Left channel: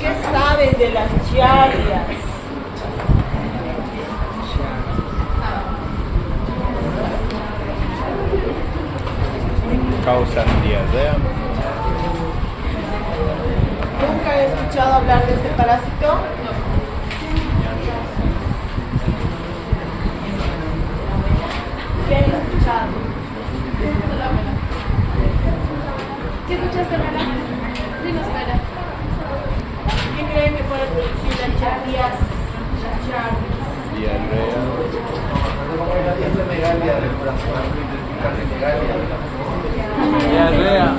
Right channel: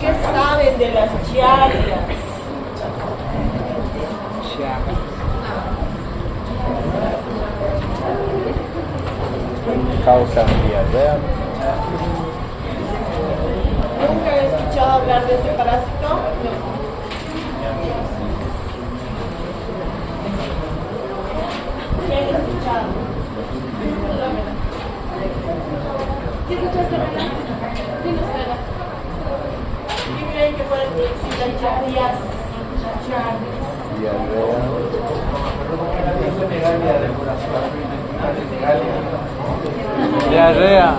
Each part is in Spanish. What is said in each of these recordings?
¿Qué saben de las giardias? Causan diarrea. ¿Nunca he escuchado hablar de este parásito? ¿Quién ha escuchado? ¿Sí escuchaste, Mara? Dinos, Mara. ¿Quién creen que puede producir las giardias? Diarrea. Diarrea.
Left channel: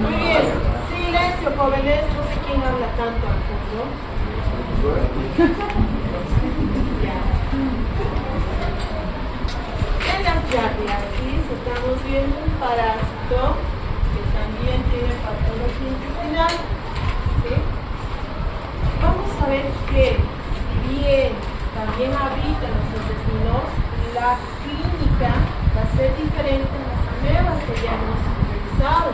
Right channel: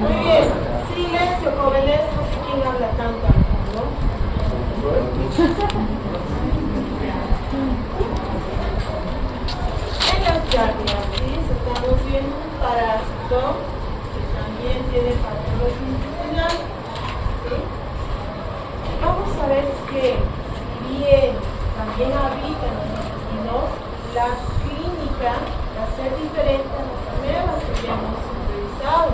Muy bien. Silencio, jóvenes. No sé quién habla tanto al fondo. En las giardiasis estamos viendo un parásito que también tiene patología intestinal. ¿Sí? Vamos a ver que bien también habita en los intestinos, la clínica va a ser diferente a las pruebas que ya hemos revisado.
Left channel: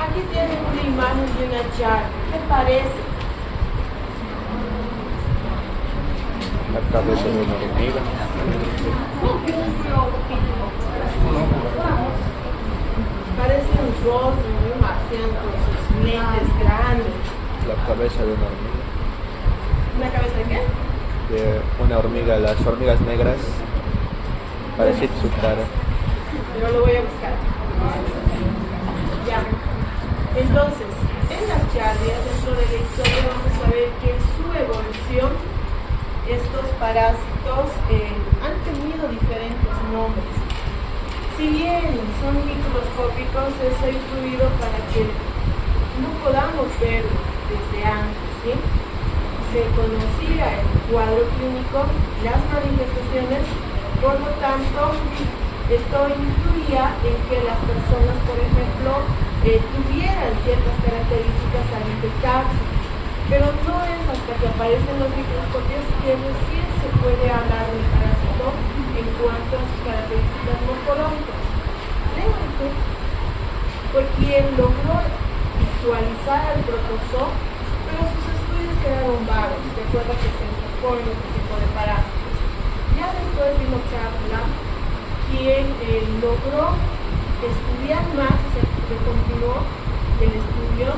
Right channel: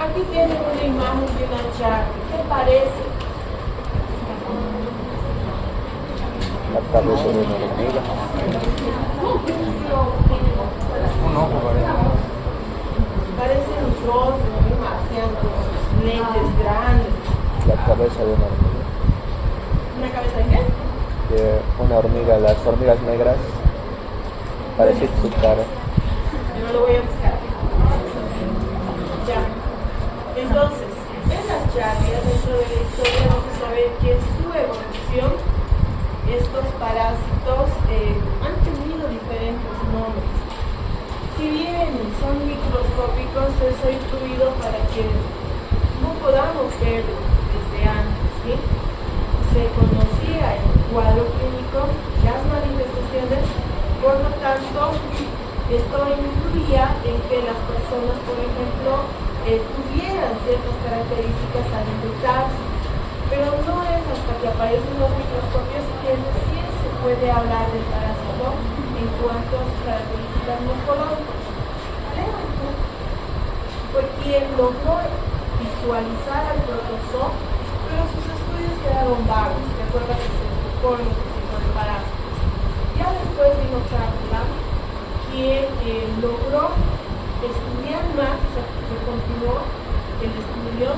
Aquí tienen una imagen de una giardia. ¿Qué parece? La cabeza de una hormiga. Parece un rostro de un marciano con sus lentes grandes. La cabeza de una hormiga. ¿Una cabeza de qué? De una hormiga, las hormigas negras. Parece su cara. Yo lo voy a buscar. Ya. Entonces, en las giardias, dentro de la historia, vamos a ver que su evolución, estos parásitos han tenido diferentes nombres. Si bien son microscópicos, eso ha influido para que no podamos ver desde antes, ¿sí? Se conocía el cuadro clínico, las manifestaciones, por lo tanto, esto influía en que las personas, por ejemplo, tuvieran ciertas características al infectarse, pero no es hasta que aparecen los microscopios que recién se puede hablar del parásito en cuanto a sus características morfológicas. Fue quien logró visualizar al protozoo, pero sus estudios quedaron vagos, de acuerdo a que se enfocó en un tipo de parásitos. Ya después vino Chapman, quien logró estudiar más, o sea, que continuó el estudio,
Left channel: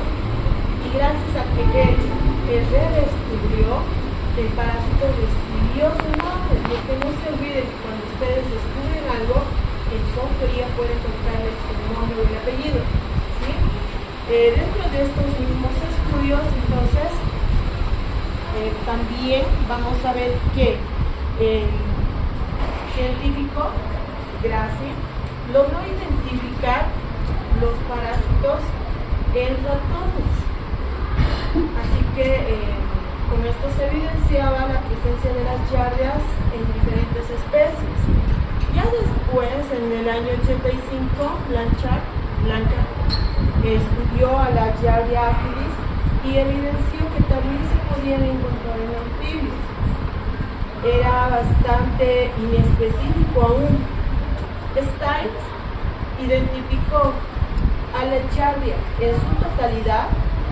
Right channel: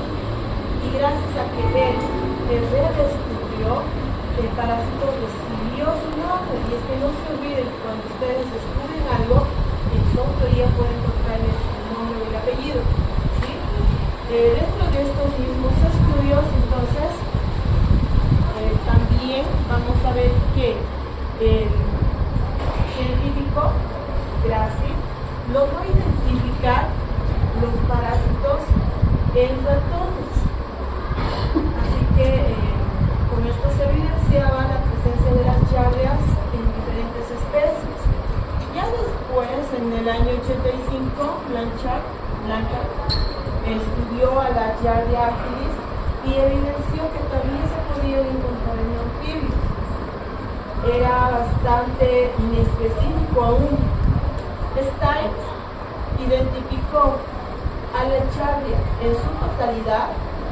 y gracias a que él redescubrió, el parásito recibió su nombre. Y es que no se olviden que cuando ustedes descubren algo, en su autoría pueden colocarle su nombre o el apellido, ¿sí? Dentro de estos mismos estudios, entonces, también vamos a ver que el científico Grassi logró identificar los parásitos en ratones. Así que con esto se evidenciaba la presencia de las giardias en diferentes especies. Ya después, en el año 85, Blanca estudió a la Giardia agilis y evidenció que también se podían encontrar en anfibios. Era bastante inespecífico aún. Stein identificó a la Giardia en su totalidad,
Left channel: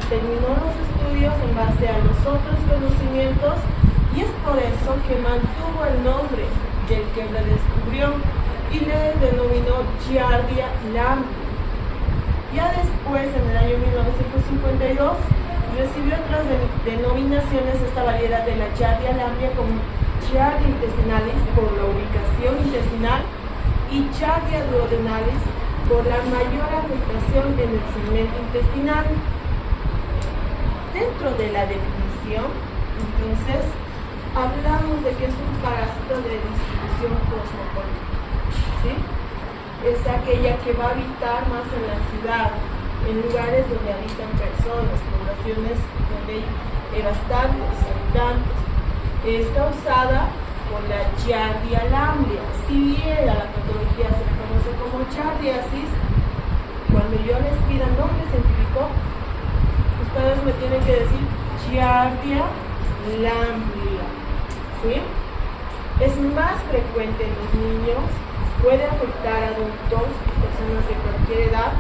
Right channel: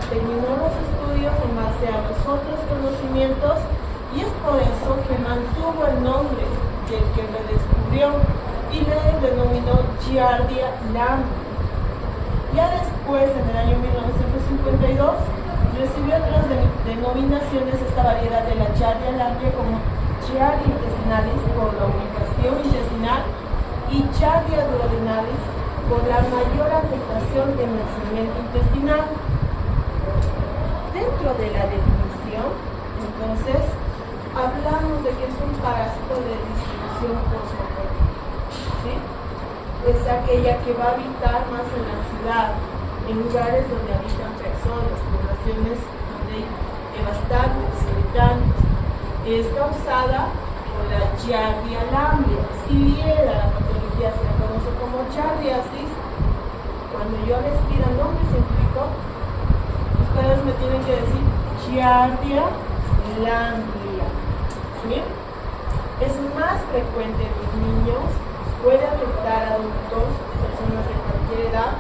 terminó los estudios en base a los otros conocimientos y es por eso que mantuvo el nombre del que la descubrió y le denominó Giardia lamblia. Ya después, en el año 1952, recibió otras denominaciones esta variedad de la Giardia lamblia como Giardia intestinalis por la ubicación intestinal y Giardia duodenalis por la mayor afectación en el segmento intestinal. Dentro de la definición, entonces, hablamos de que es un parásito de distribución cosmopolita, ¿sí? Es aquella que va a habitar más en la ciudad, en lugares donde habitan personas, poblaciones donde hay bastantes habitantes. Es causada por la Giardia lamblia. Si bien a la patología se la conoce como giardiasis, cuando yo les pida nombre científico, ustedes me tienen que decir Giardia lamblia, ¿sí? Es más frecuente en los niños, puede afectar a adultos, personas de cualquier edad,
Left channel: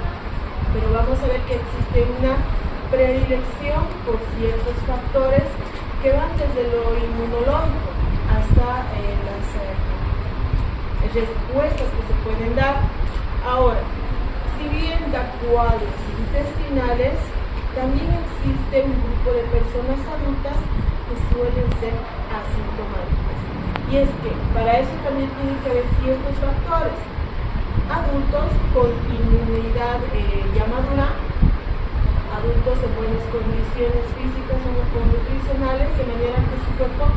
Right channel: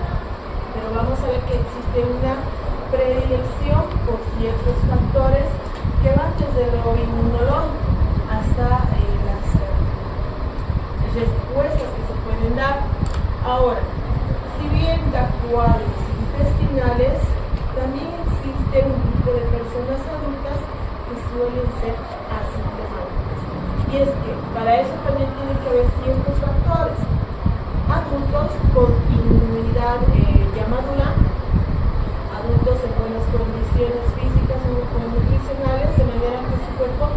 pero vamos a ver que existe una predilección por ciertos factores que van desde lo inmunológico hasta las respuestas que se pueden dar. Ahora, si bien da cuadros intestinales, también existe un grupo de personas adultas que suelen ser asintomáticas. Y es que para eso también tienen que haber ciertos factores. Adultos con inmunidad ya madura, adultos en buenas condiciones físicas o nutricionales, de manera que su cuerpo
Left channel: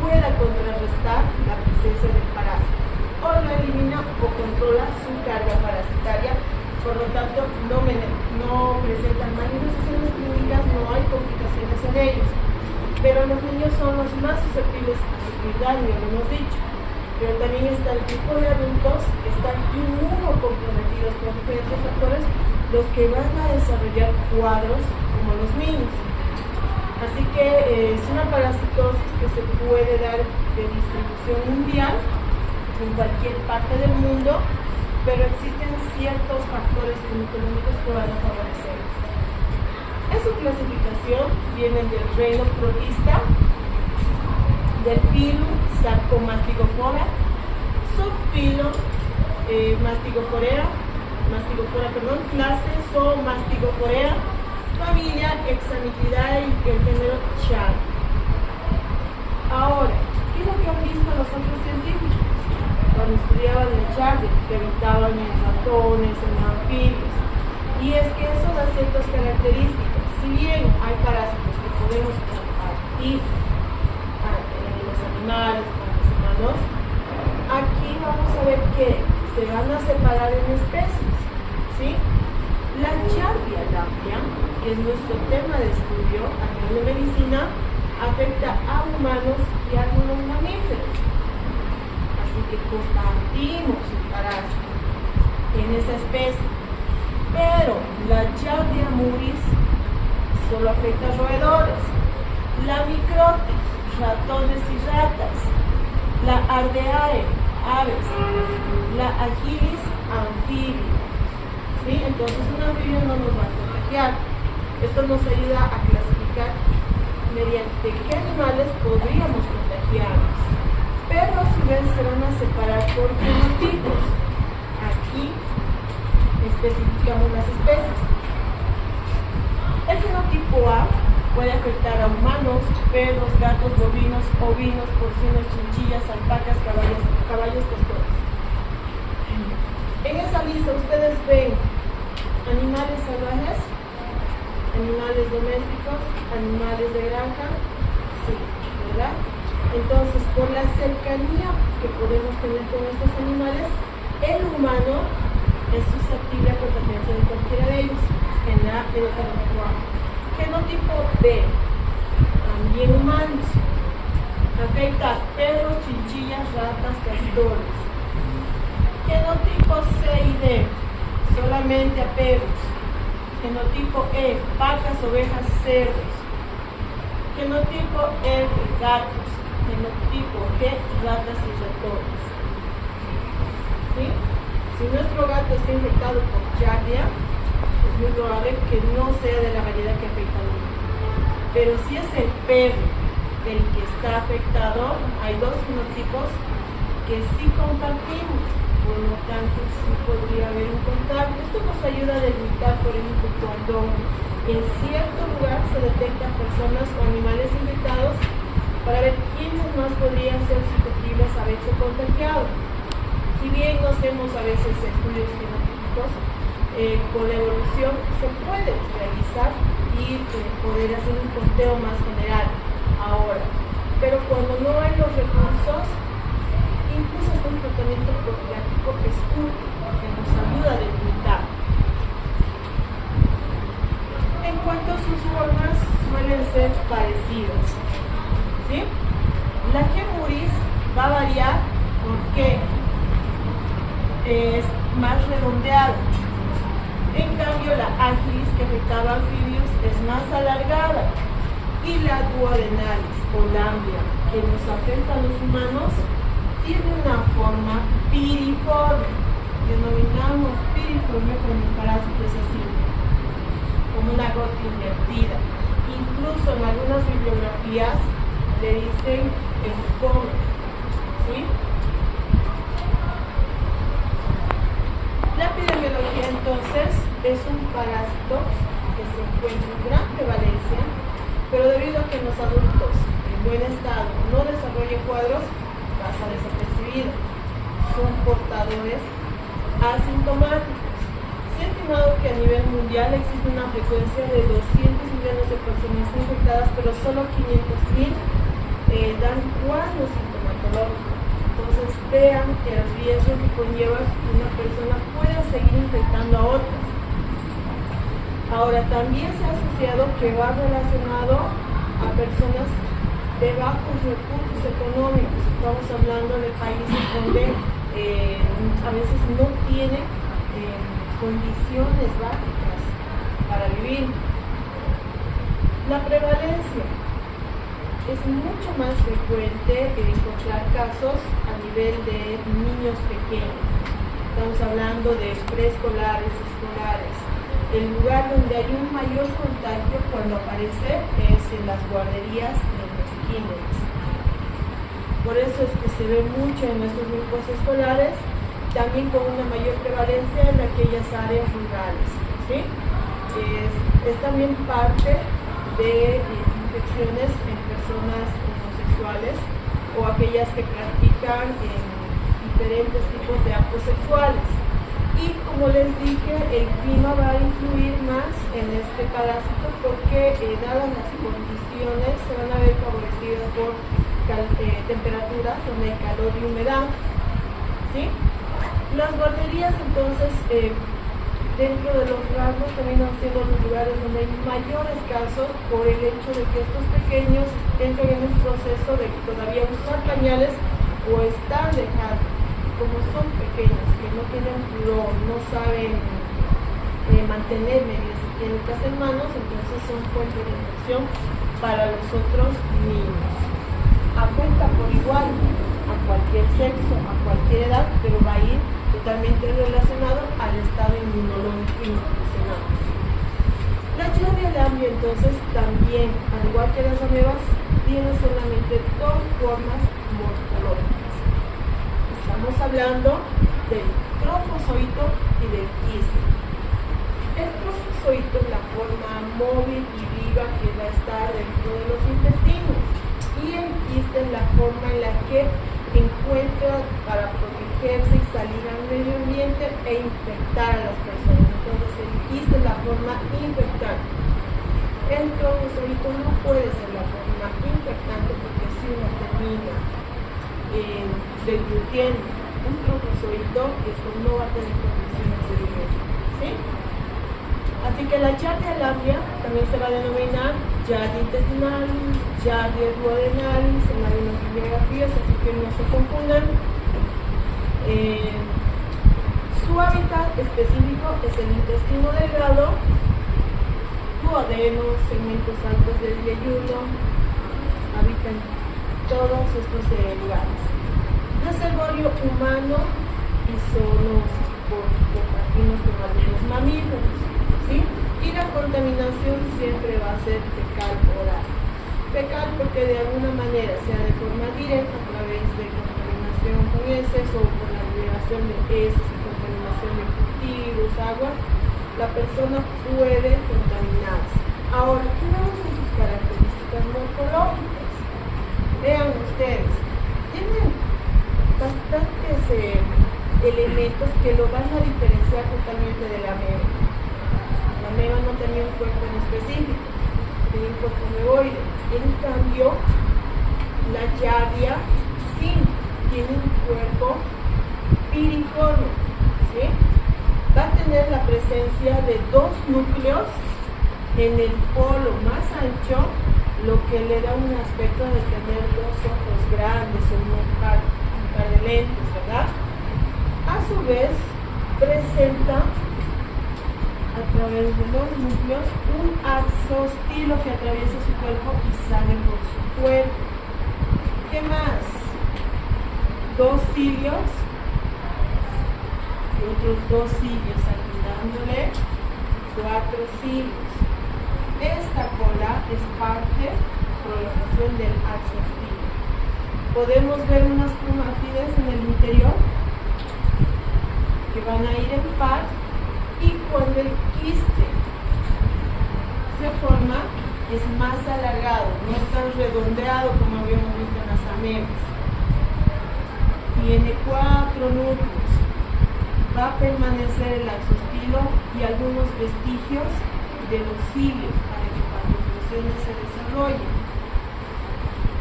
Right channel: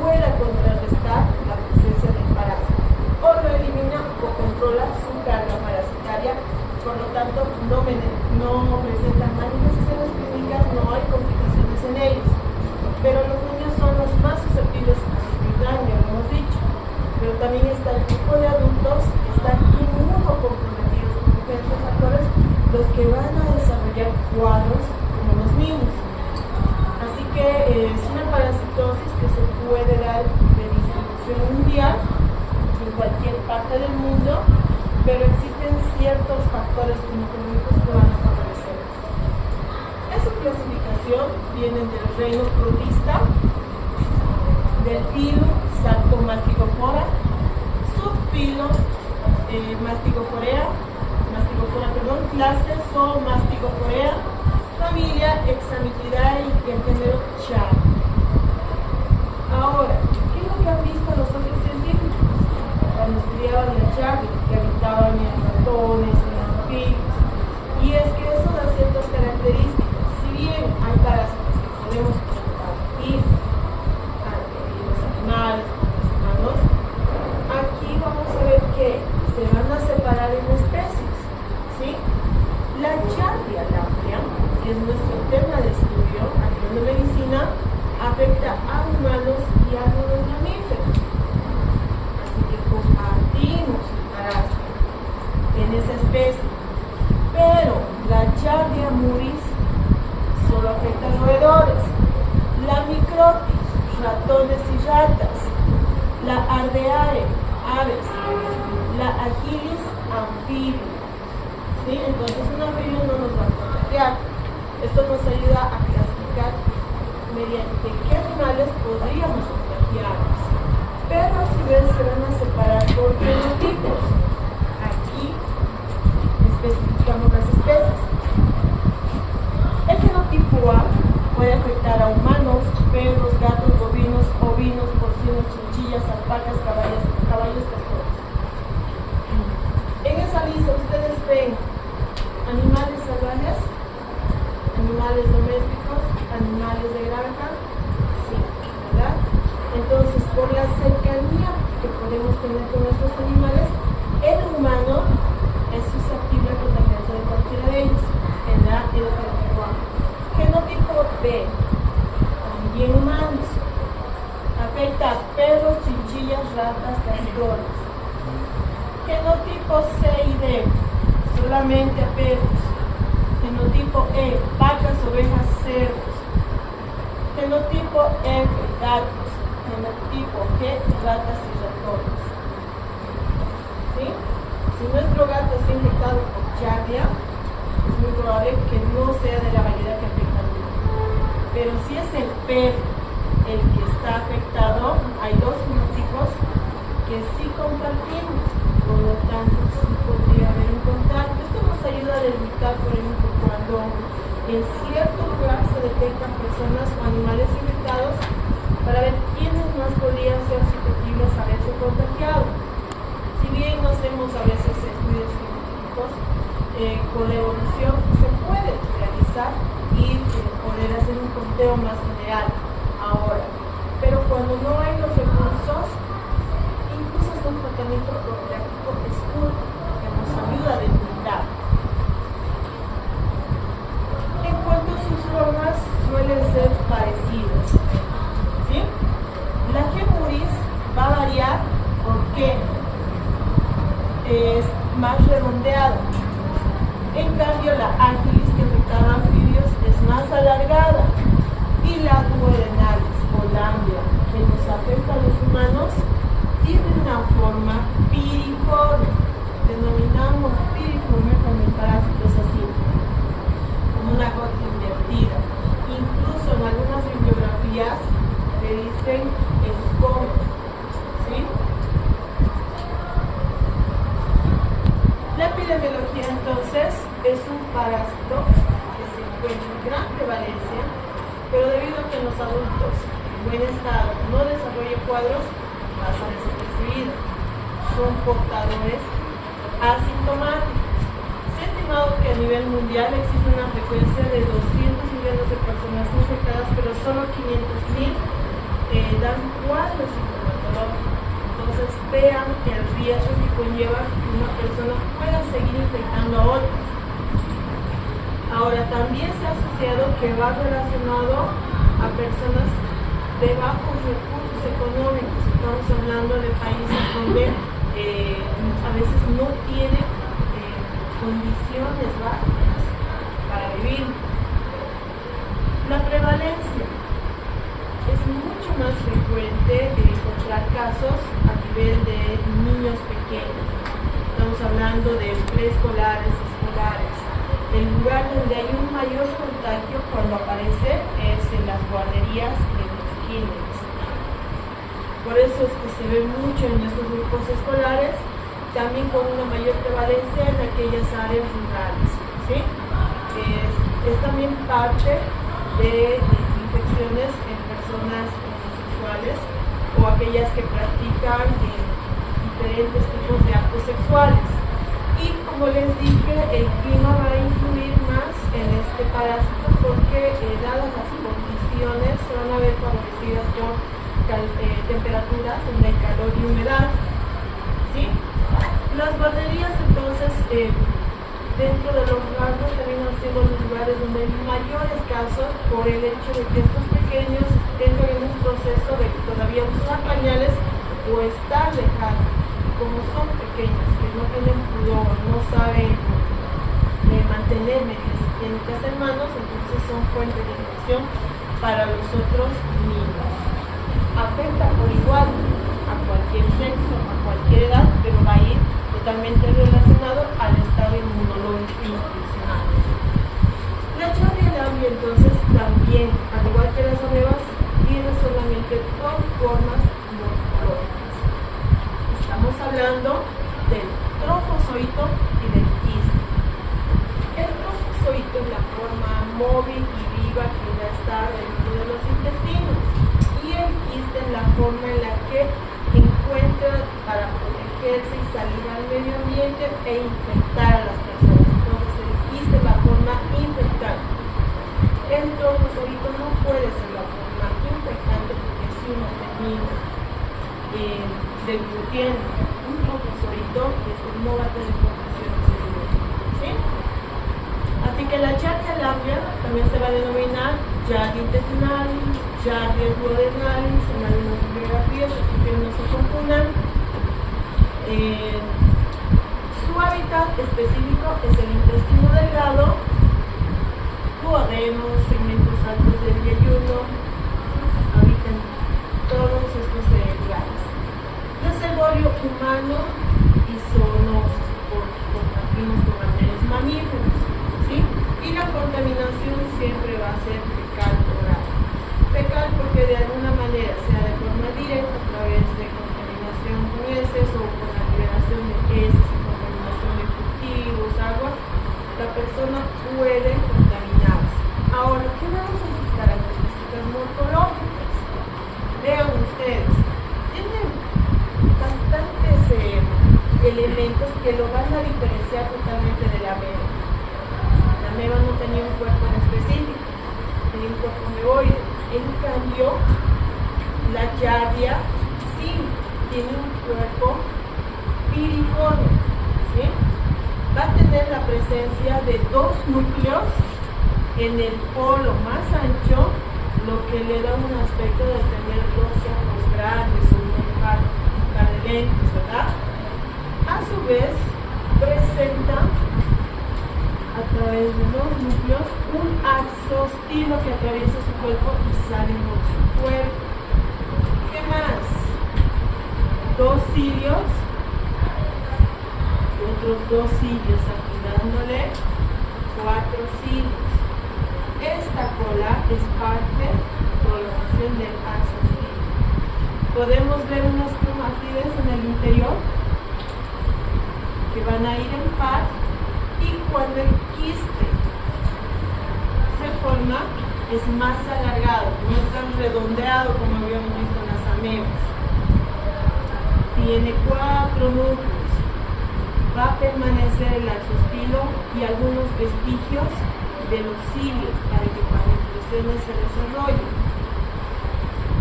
pueda contrarrestar la presencia del parásito, o lo elimina o controla su carga parasitaria, por lo tanto no presentan manifestaciones clínicas, no hay complicaciones en ellos. Pero los niños son los más susceptibles a sufrir daño, lo hemos dicho. Pero también está el grupo de adultos que están inmunocomprometidos por diferentes factores, los que van a desarrollar cuadros como los niños. Así que es una parasitosis que se puede dar de distribución mundial en cualquier parte del mundo, pero existen ciertos factores climatológicos que van a favorecer. En su clasificación vienen del reino protista, del filo Sarcomastigofora, subfilo Mastigofora, clase Zoomastigophora, familia Hexamitidae y el género Char. Ahora, ¿qué es lo que han visto los otros científicos cuando estudiaban el Char, que habitaban en ratones, en anfibios? Y es que eso da ciertas características. Si bien hay parásitos que podemos compartir los animales con los humanos, aquí vamos a ver que se van a separar en especies, ¿sí? La Giardia lamblia, que es nuestro tema de estudio a nivel de medicina, afecta a humanos y a los mamíferos. Así que compartimos un parásito en esa especie. Pero la Giardia muris solo afecta a roedores, la Microtis, ratones y ratas, la Ardeae, aves, la Agilis, anfibio. ¿Sí? Entonces un anfibio no nos va a contagiar. Esto nos ayuda a clasificar mediante qué animales podríamos contagiarnos. Pero a su vez se van a separar por genotipos. Aquí especificamos las especies. El genotipo A puede afectar a humanos, perros, gatos, bovinos, ovinos, porcinos, chinchillas, alpacas, caballos pastores. En esa lista ustedes ven animales salvajes, animales domésticos, animales de granja, sí, ¿verdad? Entonces, por la cercanía que podemos tener con estos animales, el humano es susceptible a contagiarse de cualquiera de ellos. En la genotipo A. Genotipo B, también humanos, afecta a perros, chinchillas, ratas, castores. Genotipo C y D, solamente a perros. Genotipo E, vacas, ovejas, cerdos. Genotipo F, gatos. Genotipo G, ratas y ratones. ¿Sí? Si nuestro gato está infectado por Giardia, es muy probable que no sea de la variedad que afecta al mundo. Pero si es el perro el que está afectado, hay dos genotipos que sí compartimos, por lo tanto sí podría haber un contacto. Esto nos ayuda a delimitar, por ejemplo, cuando en cierto lugar se detectan personas o animales infectados, para ver quiénes más podrían ser susceptibles a haberse contagiado. Si bien no hacemos a veces estudios genotípicos, con la evolución se puede realizar y poder hacer un conteo más general ahora. Pero cuando no hay los recursos, incluso es un tratamiento profiláctico escurso que nos ayuda a delimitar. En cuanto a sus formas, suelen ser parecidas, ¿sí? La G. muris va a variar porque es más redondeada. En cambio, la Agilis, que afectaba a anfibios, es más alargada. Y la Duodenalis o lamblia, que nos afecta a los humanos tiene una forma piriforme. Denominamos piriforme cuando el parásito es así, como una gota invertida. Incluso en algunas bibliografías le dicen el cono, ¿sí? La epidemiología entonces es un parásito que se encuentra en gran prevalencia, pero debido a que en los adultos en buen estado no desarrolla cuadros, pasa desapercibido. Son portadores asintomáticos. Se ha estimado que a nivel mundial existe una frecuencia de 200 millones de personas infectadas, pero solo 500.000 dan cuadros sintomatológicos. Entonces vean el riesgo que conlleva que una persona pueda seguir infectando a otros. Ahora, también se ha asociado que va relacionado a personas de bajos recursos económicos. Estamos hablando de países donde a veces no tienen condiciones básicas para vivir. La prevalencia es mucho más frecuente encontrar casos a nivel de niños pequeños. Estamos hablando de preescolares, escolares. El lugar donde hay un mayor contagio cuando aparece es en las guarderías y en los kinders. Por eso es que se ve mucho en estos grupos escolares, también con una mayor prevalencia en aquellas áreas rurales, ¿sí? Es también parte de infecciones en personas homosexuales o aquellas que practican diferentes tipos de actos sexuales. Y como les dije, el clima va a influir más en este parásito porque dadas las condiciones se van a ver favorecidas por temperaturas donde hay calor y humedad, ¿sí? Las guarderías entonces dentro de los rasgos terminan siendo los lugares donde hay mayores casos por el hecho de que estos pequeños entran en un proceso de todavía usar pañales o estar dejados. Como son pequeños, que no tienen pudor, no saben mantener medidas higiénicas en manos, entonces son fuente de infección para los otros niños. Afecta por igual a cualquier sexo, a cualquier edad, pero va a ir totalmente relacionado al estado inmunológico institucional. La Giardia lamblia entonces también, al igual que las amebas, tiene solamente dos formas morfológicas. Estamos hablando del trofozoito y del quiste. El trofozoito es la forma móvil y viva que va a estar dentro de los intestinos y el quiste es la forma en la que encuentra para protegerse y salir al medio ambiente e infectar a las personas. Entonces el quiste es la forma infectante. El trofozoito no puede ser la forma infectante porque si uno termina desvirtiendo un trofozoito, eso no va a tener condiciones de vivir, ¿sí? Así que la Giardia lamblia también se va a denominar Giardia intestinalis, Giardia duodenalis en algunas bibliografías, así que no se confundan. Su hábitat específico es el intestino delgado, duodeno, segmentos altos del yeyuno, habitan todos estos lugares. Reservorio humano y zoonosis, porque compartimos con algunos mamíferos, ¿sí? Y la contaminación siempre va a ser fecal oral. Fecal porque de alguna manera, sea de forma directa a través de contaminación con heces o con la liberación de heces y contaminación de cultivos, aguas, la persona puede contaminarse. Ahora, ¿qué van a ser sus características morfológicas? Vean ustedes, tienen bastantes elementos que lo van a diferenciar totalmente de la ameba. La ameba no tenía un cuerpo en específico, tenía un cuerpo meoide. En cambio, la Giardia sí tiene un cuerpo piriforme, ¿sí? Va a tener la presencia de dos núcleos en el polo más ancho, lo que le da un aspecto de tener dos ojos grandes o un par de lentes, ¿verdad? A su vez, presenta a través de los núcleos un axostilo que atraviesa su cuerpo y sale por su cuerpo. ¿Qué más? 2 cilios, otros 2 cilios aquí dándole 4 cilios. Esta cola es parte prolongación del axo spino. Podemos ver unas cromátides en el interior que van a ir en par, y cuando el quiste se forma es más alargado, no es tan redondeado como habíamos visto en las amebas. Tiene 4 núcleos, va a permanecer el axospilo y algunos vestigios de los cilios para que cuando creciene se desarrolle.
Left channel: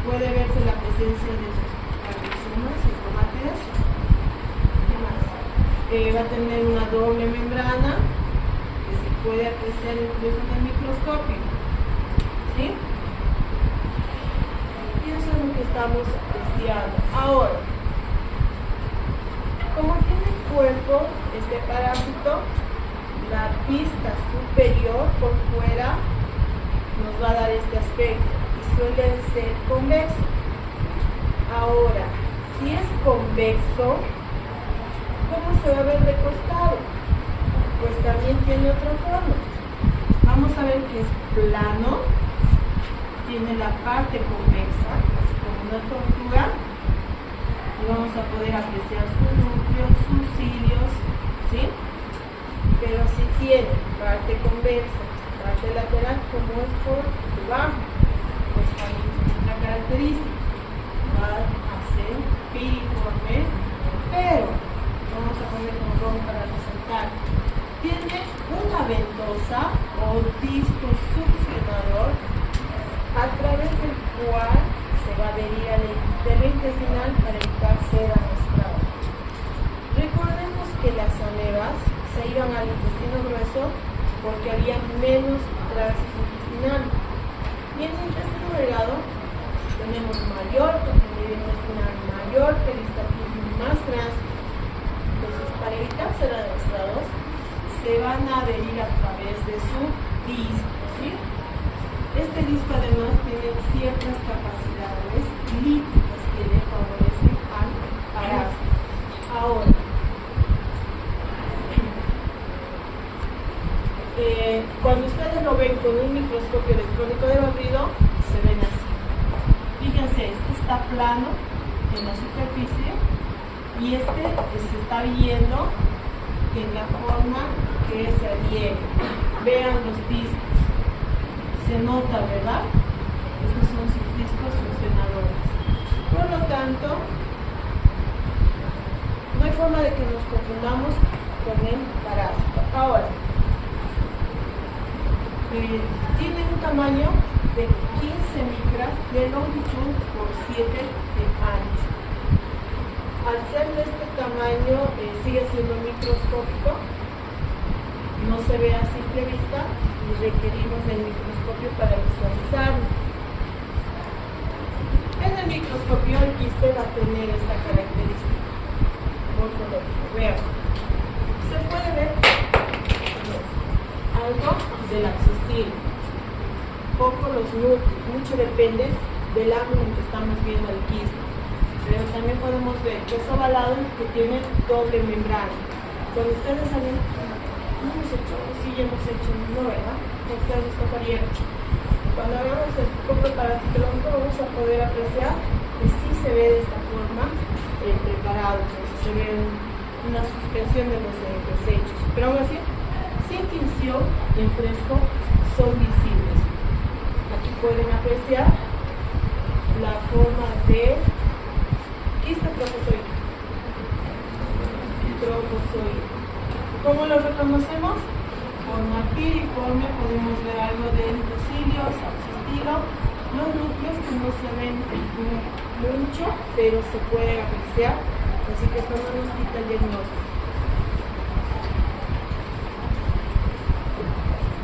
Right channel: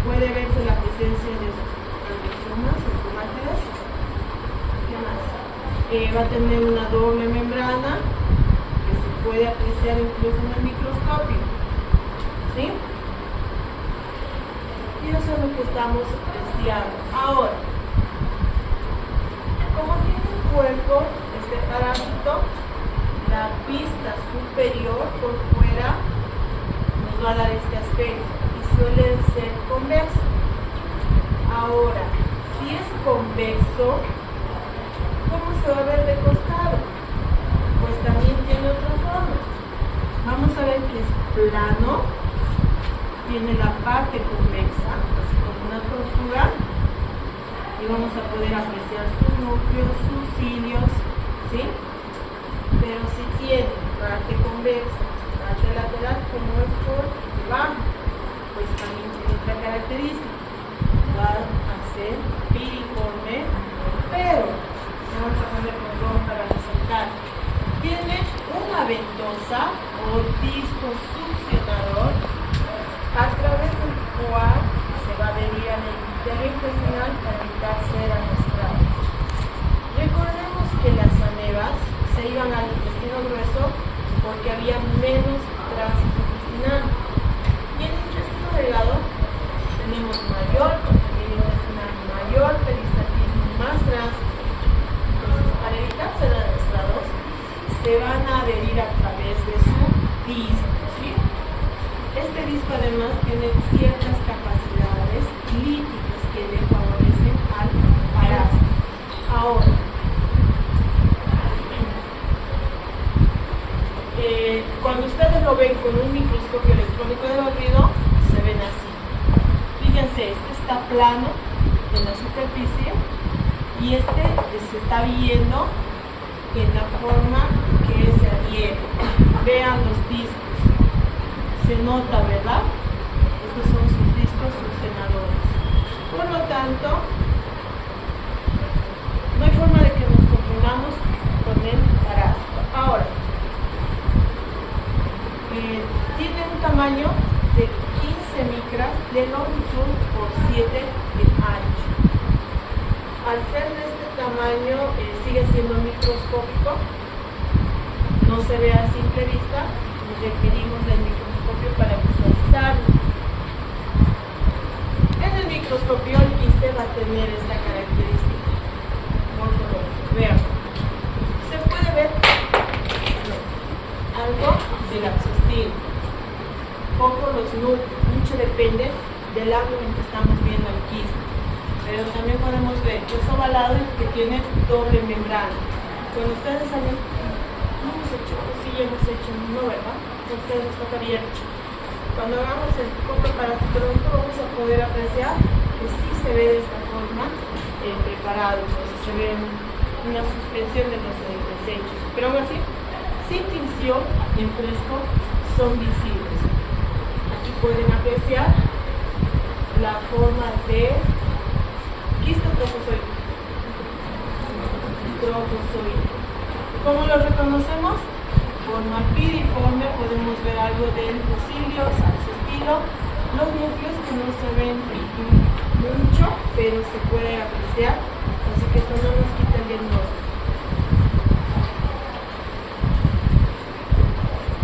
Puede verse la presencia de calcosomas o cromátides. ¿Qué más? Va a tener una doble membrana que se puede apreciar incluso en el microscopio. ¿Sí? Y eso es lo que estamos apreciando. Ahora, como tiene el cuerpo este parásito, la pista superior por fuera nos va a dar este aspecto y suele ser convexo. Ahora, si es convexo, ¿cómo se va a ver de costado? Pues también tiene otra forma. Vamos a ver que es plano, tiene la parte convexa, así como una tortuga, y vamos a poder apreciar sus núcleos, sus cilios, ¿sí? Pero si tiene parte convexa, parte lateral, como es por debajo, pues también tiene otra característica. Va a ser piriforme, pero vamos a poner como para resaltar. Tiene una ventosa o disco succionador a través del cual se va a adherir al epitelio intestinal para evitar ser arrastrado. Recordemos que las amebas se iban al intestino grueso porque había menos tránsito intestinal. Y en el intestino delgado tenemos mayor contenido intestinal, mayor peristaltismo, más tránsito. Entonces, para evitar ser arrastrados, se van a adherir a través de su disco, ¿sí? Este disco además tiene ciertas capacidades líticas que le favorecen al parásito. Ahora, cuando ustedes lo ven con un microscopio electrónico de barrido, se ven así. Fíjense, este está plano en la superficie y este se está viendo en la forma que se adhiere. Vean los discos. Se nota, ¿verdad? Estos son sus discos succionadores. Por lo tanto, no hay forma de que nos confundamos con el parásito. Ahora, tiene un tamaño de 15 micras de longitud por 7 de ancho. Al ser de este tamaño, sigue siendo microscópico, no se ve a simple vista y requerimos del microscopio para visualizarlo. En el microscopio el quiste va a tener esta característica morfológica. Vean, se puede ver algo del axostilo, poco los núcleos, mucho depende del ángulo en que estamos viendo el quiste, pero también podemos ver que es ovalado y que tiene doble membrana. Cuando ustedes saben, no hemos hecho, sí hemos hecho, no, ¿verdad? A ustedes les tocaría. Cuando hagamos el poco parasitológico vamos a poder apreciar que sí se ve de esta forma preparado, entonces se ve una suspensión de los desechos, pero aún así, sin tinción en fresco son visibles. Aquí pueden apreciar la forma de quiste trofozoide. ¿Cómo lo reconocemos? Forma piriforme, podemos ver algo de endocilios, axostilo, los núcleos que no se ven mucho, pero se puede apreciar, así que esto no nos quita el diagnóstico.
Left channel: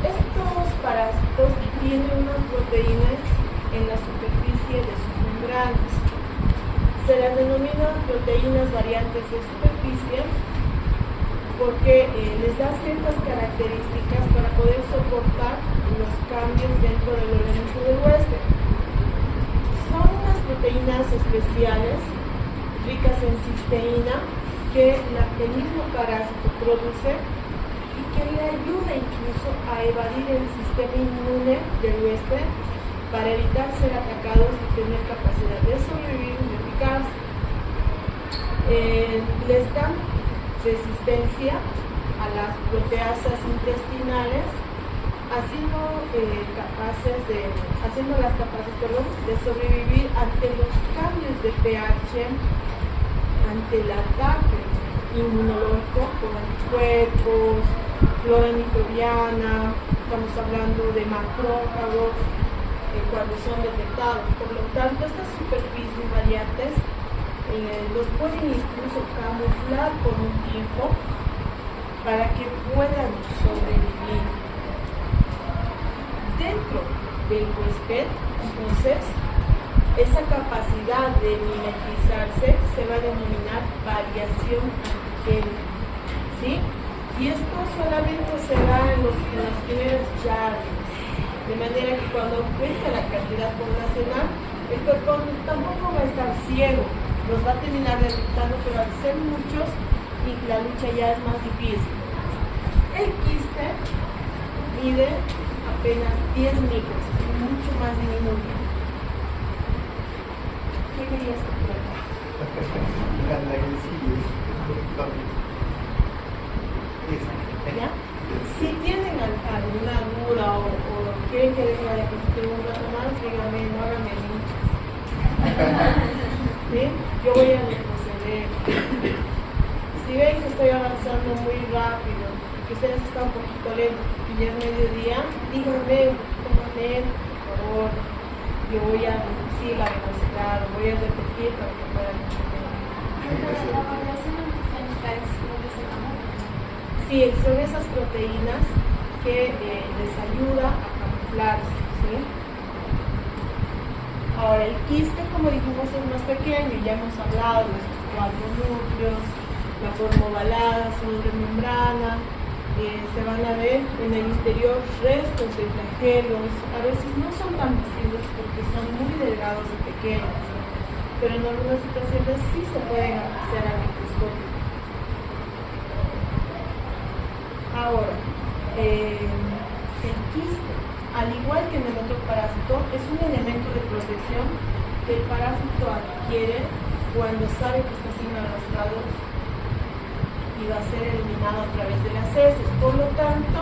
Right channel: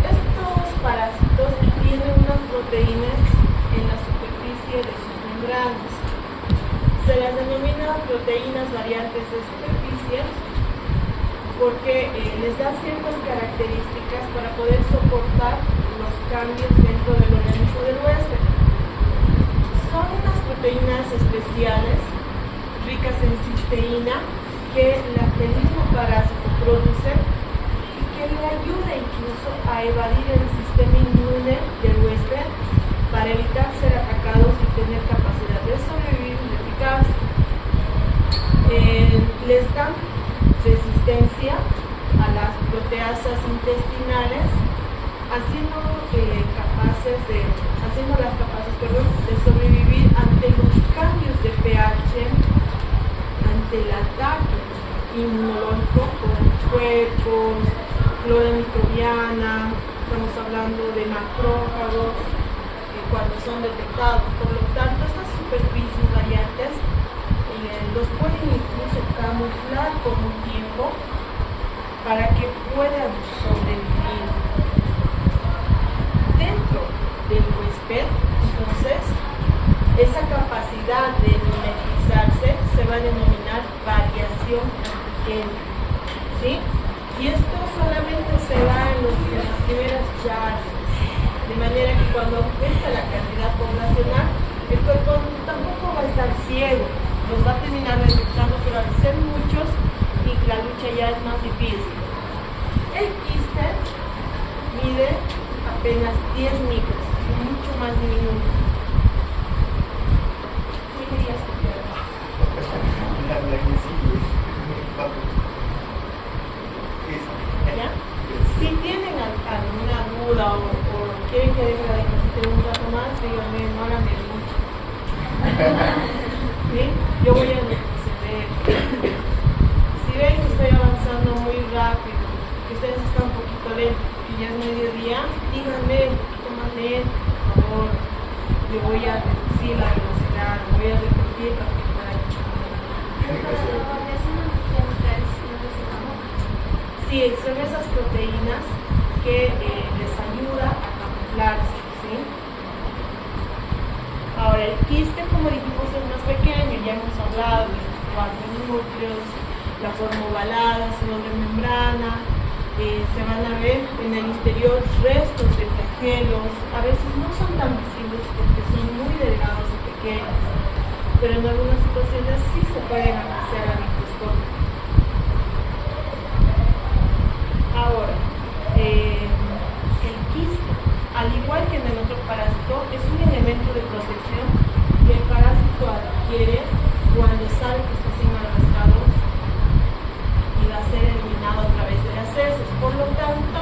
Estos parásitos tienen unas proteínas en la superficie de sus membranas. Se las denomina proteínas variantes de superficie porque les da ciertas características para poder soportar los cambios dentro del organismo del huésped. Son unas proteínas especiales ricas en cisteína que el mismo parásito produce y que le ayuda incluso a evadir el sistema inmune del huésped para evitar ser atacados y tener capacidad de sobrevivir y replicarse. Les dan resistencia a las proteasas intestinales, haciéndolas capaces de sobrevivir ante los cambios de pH, ante el ataque inmunológico con anticuerpos, flora microbiana, estamos hablando de macrófagos cuando son detectados. Por lo tanto, estas superficies variantes los pueden incluso camuflar por un tiempo para que puedan sobrevivir. Dentro del huésped, entonces, esa capacidad de mimetizarse se va a denominar variación antigénica, ¿sí? Y esto solamente se da en las primeras yardas, de manera que cuando aumenta la cantidad poblacional, el cuerpo tampoco va a estar ciego, los va a terminar detectando, pero al ser muchos, la lucha ya es más difícil. El quiste mide apenas 10 micros, mucho más diminuto. ¿Qué querías contar? ¿Ya? Si tienen alguna duda o quieren que deje la diapositiva un rato más, díganme, no hagan mucho. ¿Sí? Yo voy a retroceder. Si ven que estoy avanzando muy rápido, que ustedes están un poquito lentos y ya es mediodía, díganme un poquito más lento, por favor. Yo voy a reducir la velocidad, voy a repetir para que puedan. Sí, son esas proteínas que les ayuda a camuflarse, ¿sí? Ahora, el quiste, como dijimos, es más pequeño, ya hemos hablado de estos 4 núcleos, la forma ovalada, son de membrana, se van a ver en el interior restos de flagelos, a veces no son tan visibles porque son muy delgados y pequeños, pero en algunas situaciones sí se pueden apreciar al microscopio. Ahora, el quiste, al igual que en el otro parásito, es un elemento de protección que el parásito adquiere cuando sabe que está sin arrastrado y va a ser eliminado a través de las heces. Por lo tanto,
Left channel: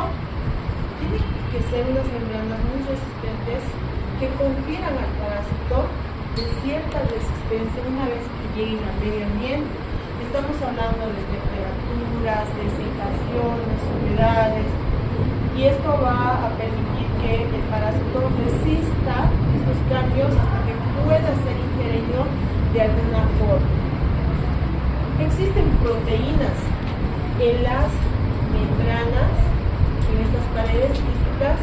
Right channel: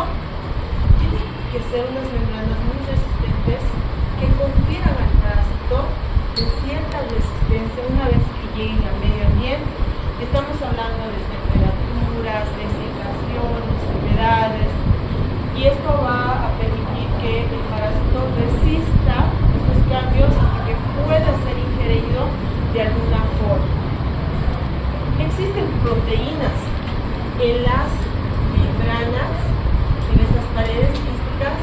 tienen que ser unas membranas muy resistentes que confieran al parásito de cierta resistencia una vez que lleguen al medio ambiente. Estamos hablando de temperaturas, de secaciones, humedades, y esto va a permitir que el parásito resista estos cambios hasta que pueda ser ingerido de alguna forma. Existen proteínas en las membranas, en estas paredes quísticas,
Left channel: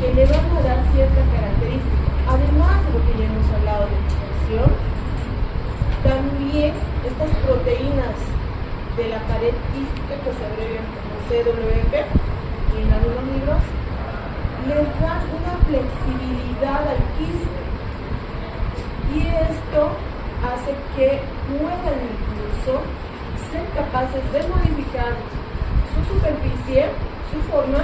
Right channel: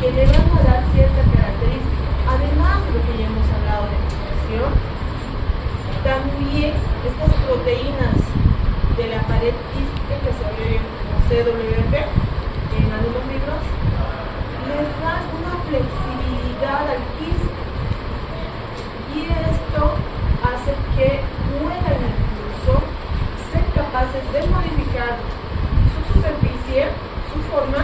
que le van a dar cierta característica. Además de lo que ya hemos hablado de nutrición, también estas proteínas de la pared quística, que se abrevian como CWP en algunos libros, les dan una flexibilidad al quiste y esto hace que puedan incluso ser capaces de modificar su superficie, su forma,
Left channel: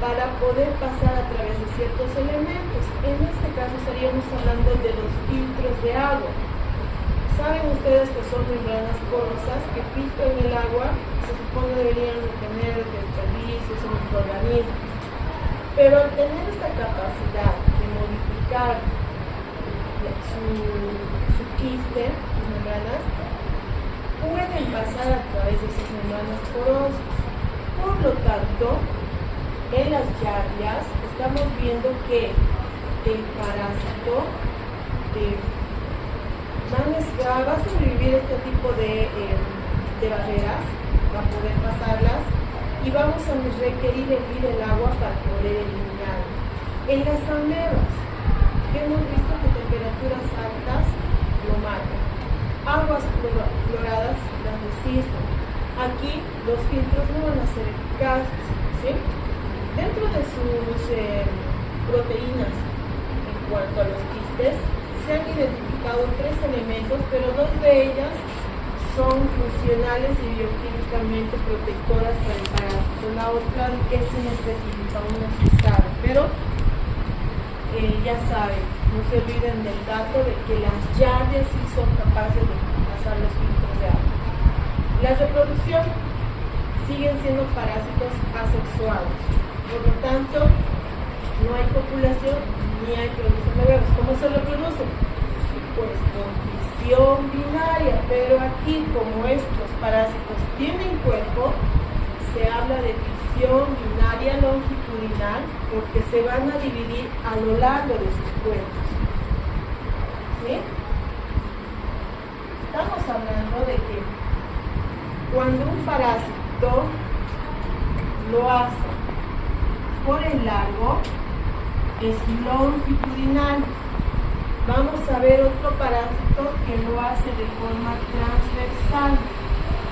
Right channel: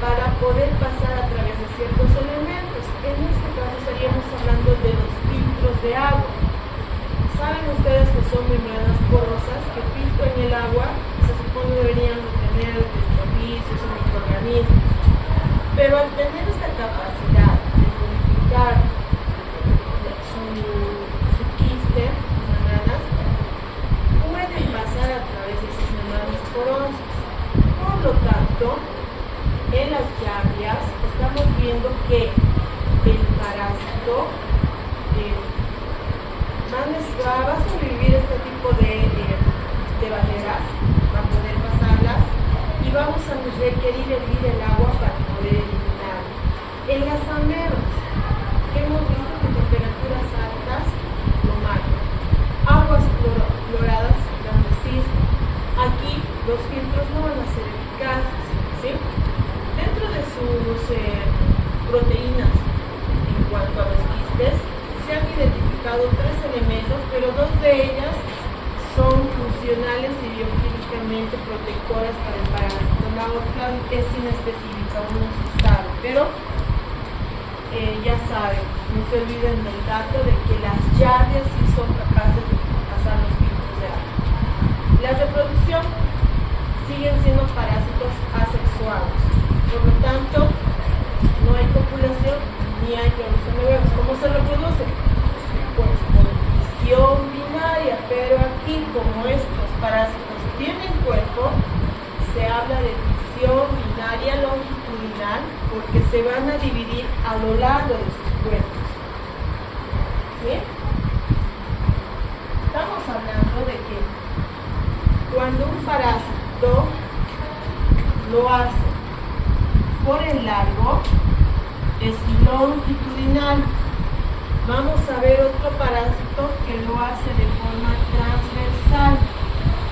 para poder pasar a través de ciertos elementos. En este caso estaríamos hablando de los filtros de agua. Saben ustedes que son membranas porosas que filtran el agua, se supone deberían tener desperdicios o microorganismos. Pero al tener esta capacidad de modificar su quiste, sus membranas, pueden pasar a través de esas membranas porosas. Por lo tanto, en las yardias estamos viendo que el parásito va a sobrevivir este tipo de barreras para poder pasarlas y vamos a requerir hervir el agua para poder eliminarlo. En las amebas, que hemos visto que temperaturas altas lo matan. Aguas cloradas donde existen. Aquí los filtros no van a ser eficaces, ¿sí? Dentro de sus proteínas, en cuanto a los quistes, se han identificado identificado 3 elementos, pero 2 de ellas son funcionales y bioquímicamente protectoras para el parásito. La otra es inespecífica, aún no se sabe, pero ya saben, no se olviden del dato de que las yardias sí son capaces de pasar los filtros de agua. La reproducción siguen siendo parásitos asexuados, por lo tanto no hay copulación ni hay producción de huevos. ¿Cómo se reproducen? Pues por fisión binaria, pero aquí como estos parásitos tienen cuerpo, se habla de fisión binaria longitudinal porque se van a dividir a lo largo de sus cuerpos. ¿Sí? Estamos hablando de que cuando un parásito lo hace por el largo, es longitudinal. Vamos a ver otro parásito que lo hace de forma transversal.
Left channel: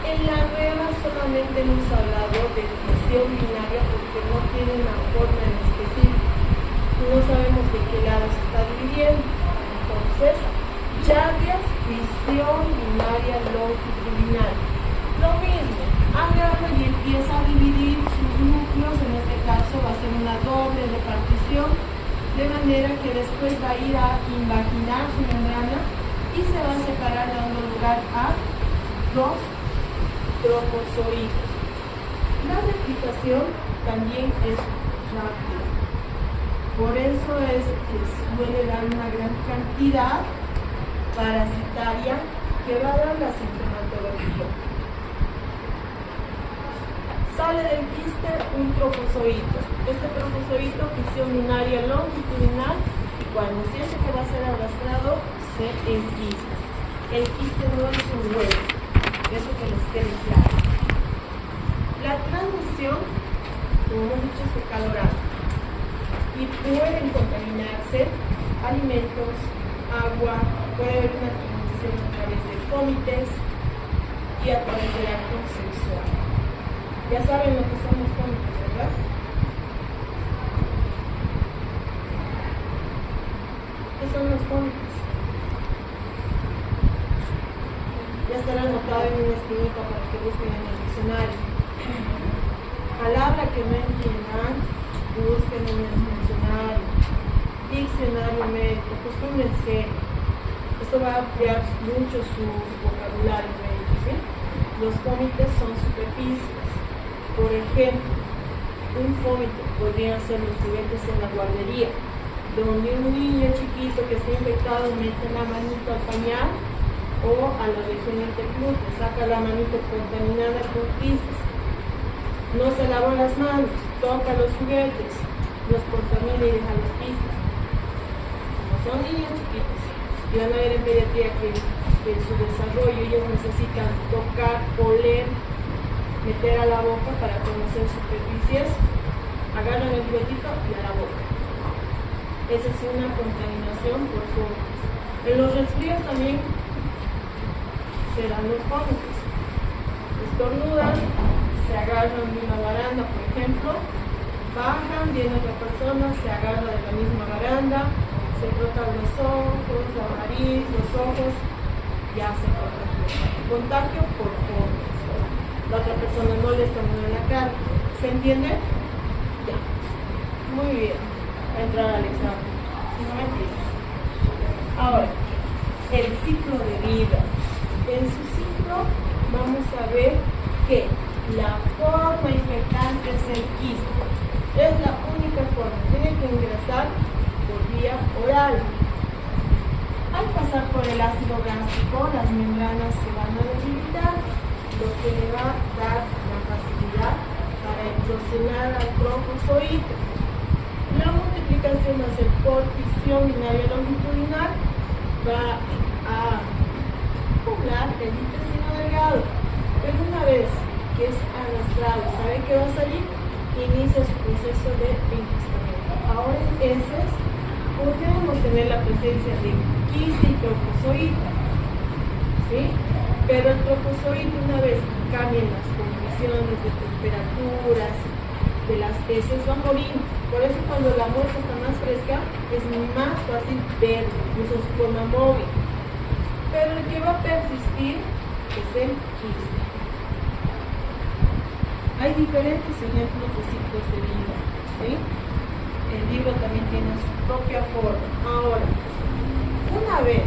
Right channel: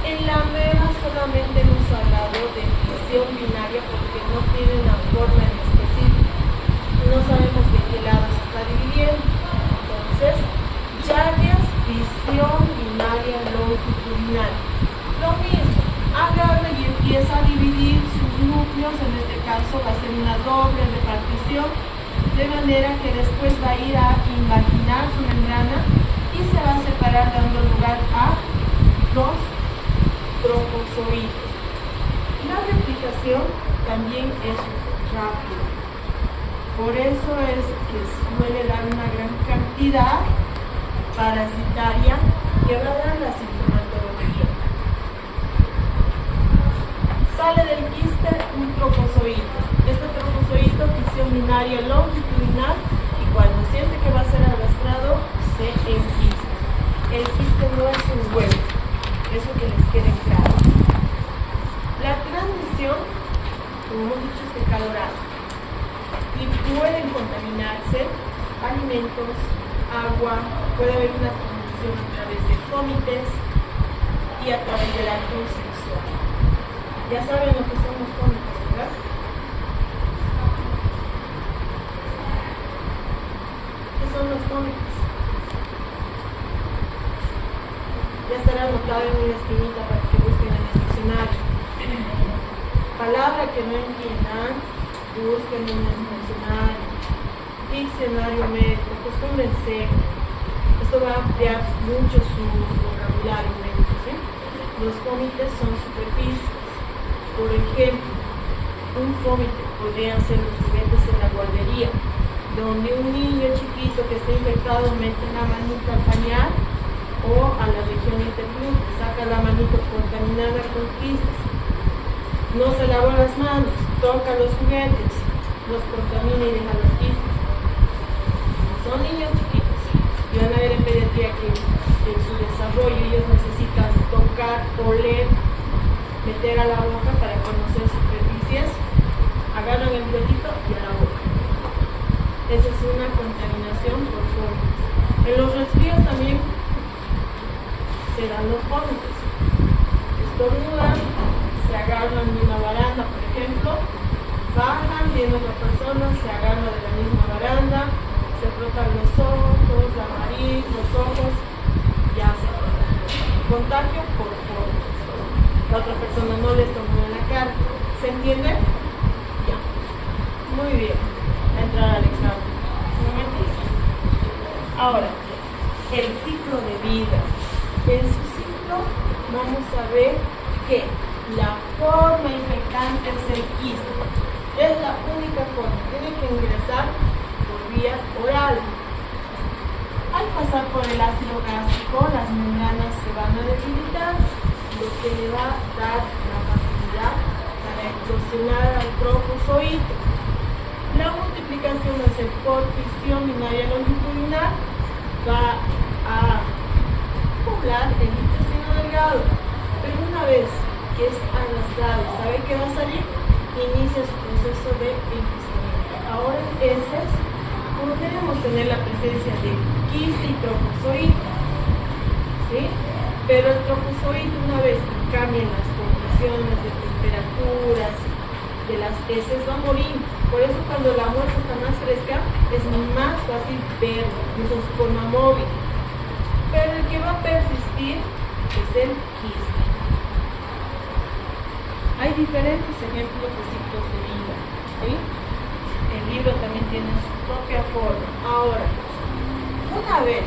En la nueva solamente hemos hablado de fisión binaria porque no tiene una forma en específico. No sabemos de qué lado se está dividiendo. Entonces, yardias, fisión binaria longitudinal. Lo mismo, agarra y empieza a dividir sus núcleos, en este caso va a ser una doble repartición, de manera que después va a ir a invaginar su membrana y se va a separar dando lugar a los trofozoides. La replicación también es rápida, por eso es que suele dar una gran cantidad parasitaria que va a dar la sintomatología. Sale del quiste un trofozoito. Este trofozoito, fisión binaria longitudinal, y cuando siente que va a ser arrastrado, se enquista. El quiste no es un huevo, eso que les quede claro. La transmisión, como hemos dicho, es fecal-oral y pueden contaminarse alimentos, agua, puede haber una transmisión a través de cómites y a través del acto sexual. Ya saben lo que son los cómites, ¿verdad? ¿Qué son los cómites? Ya estará anotado en una esquinita para que busquen en el diccionario. Palabra que no entiendan, busquen en el diccionario médico, acostúmbrense. Esto va a ampliar mucho su vocabulario médico, ¿sí? Los cómites son superficies. Por ejemplo, un cómite podría ser los juguetes en la guardería, donde un niño chiquito que está infectado mete la manito al pañal o a la región interglútea, saca la manito contaminada con quistes, no se lava las manos, toca los juguetes, los contamina y deja los quistes. Son niños chiquitos y van a ver en pediatría que en su desarrollo ellos necesitan tocar, oler, meter a la boca para conocer superficies, agarran el biotito y a la boca. Esa es una contaminación por fómites. En los resfríos también se dan los fómites. Estornudan, se agarran de una baranda, por ejemplo, bajan, viene otra persona, se agarra de la misma baranda, se frotan los ojos, la nariz, los ojos, ya se contagia. Contagio por fómites. La otra persona no le estornuda en la cara. ¿Se entiende? Ya. Muy bien. A entrar al examen. Un momentito. Ahora, el ciclo de vida. En su ciclo vamos a ver que la forma infectante es el quiste. Es la única forma. Tiene que ingresar por vía oral. Al pasar por el ácido gástrico, las membranas se van a debilitar, lo que le va a dar la facilidad para eclosionar al trofozoito. La multiplicación va a ser por fisión binaria longitudinal, va a poblar el intestino delgado, pero una vez que es arrastrado, ¿sabe qué va a salir? Inicia su proceso de enquistamiento. Ahora podemos tener la presencia de quiste y trofozoito, ¿sí? Pero el trofozoito, una vez que cambien las condiciones de temperaturas de las heces, va a morir. Por eso cuando la muestra está más fresca es más fácil ver incluso su forma móvil. pero el que va a persistir es el quiste. Hay diferentes ejemplos de ciclos de vida, ¿sí? El libro también tiene su propia forma. Ahora, una vez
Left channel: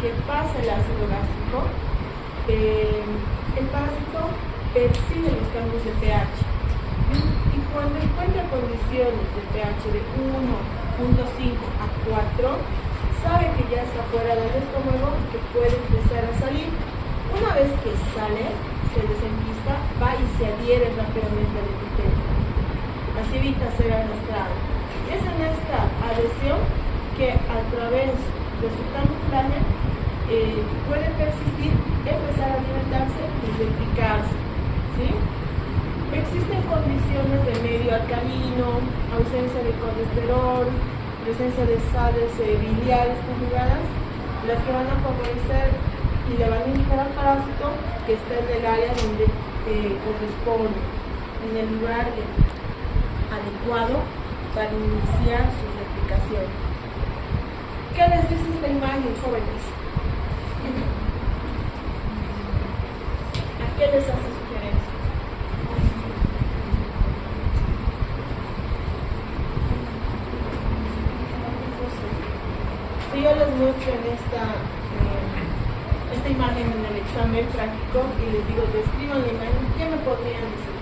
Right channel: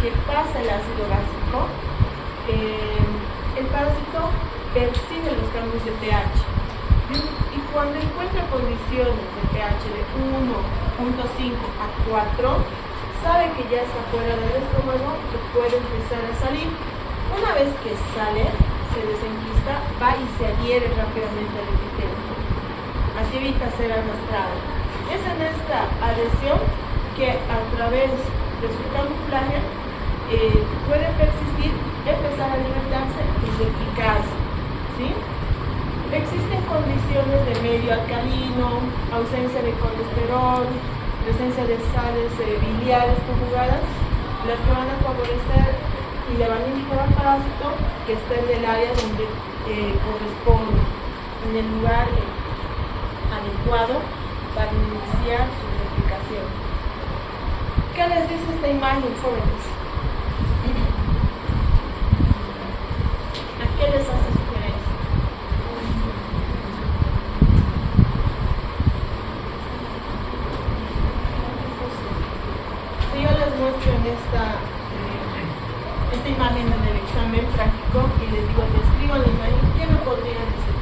que pasa el ácido gástrico, el parásito percibe los cambios de pH. Y cuando encuentra condiciones de pH de 1.5 a 4, sabe que ya está fuera del estómago y que puede empezar a salir. Una vez que sale, se desenquista, va y se adhiere rápidamente al epitelio. Así evita ser arrastrado. Es en esta adhesión que a través de su camuflaje puede persistir, empezar a alimentarse y replicarse, ¿sí? Existen condiciones de medio alcalino, ausencia de colesterol, presencia de sales biliares conjugadas, las que van a favorecer y le van a indicar al parásito que esté en el área donde corresponde, en el lugar adecuado para iniciar su replicación. ¿Qué les dice esta imagen, jóvenes? ¿A qué les hace sugerencia? Si yo les muestro en esta imagen en el examen práctico y les digo, describan la imagen, ¿qué me podrían decir?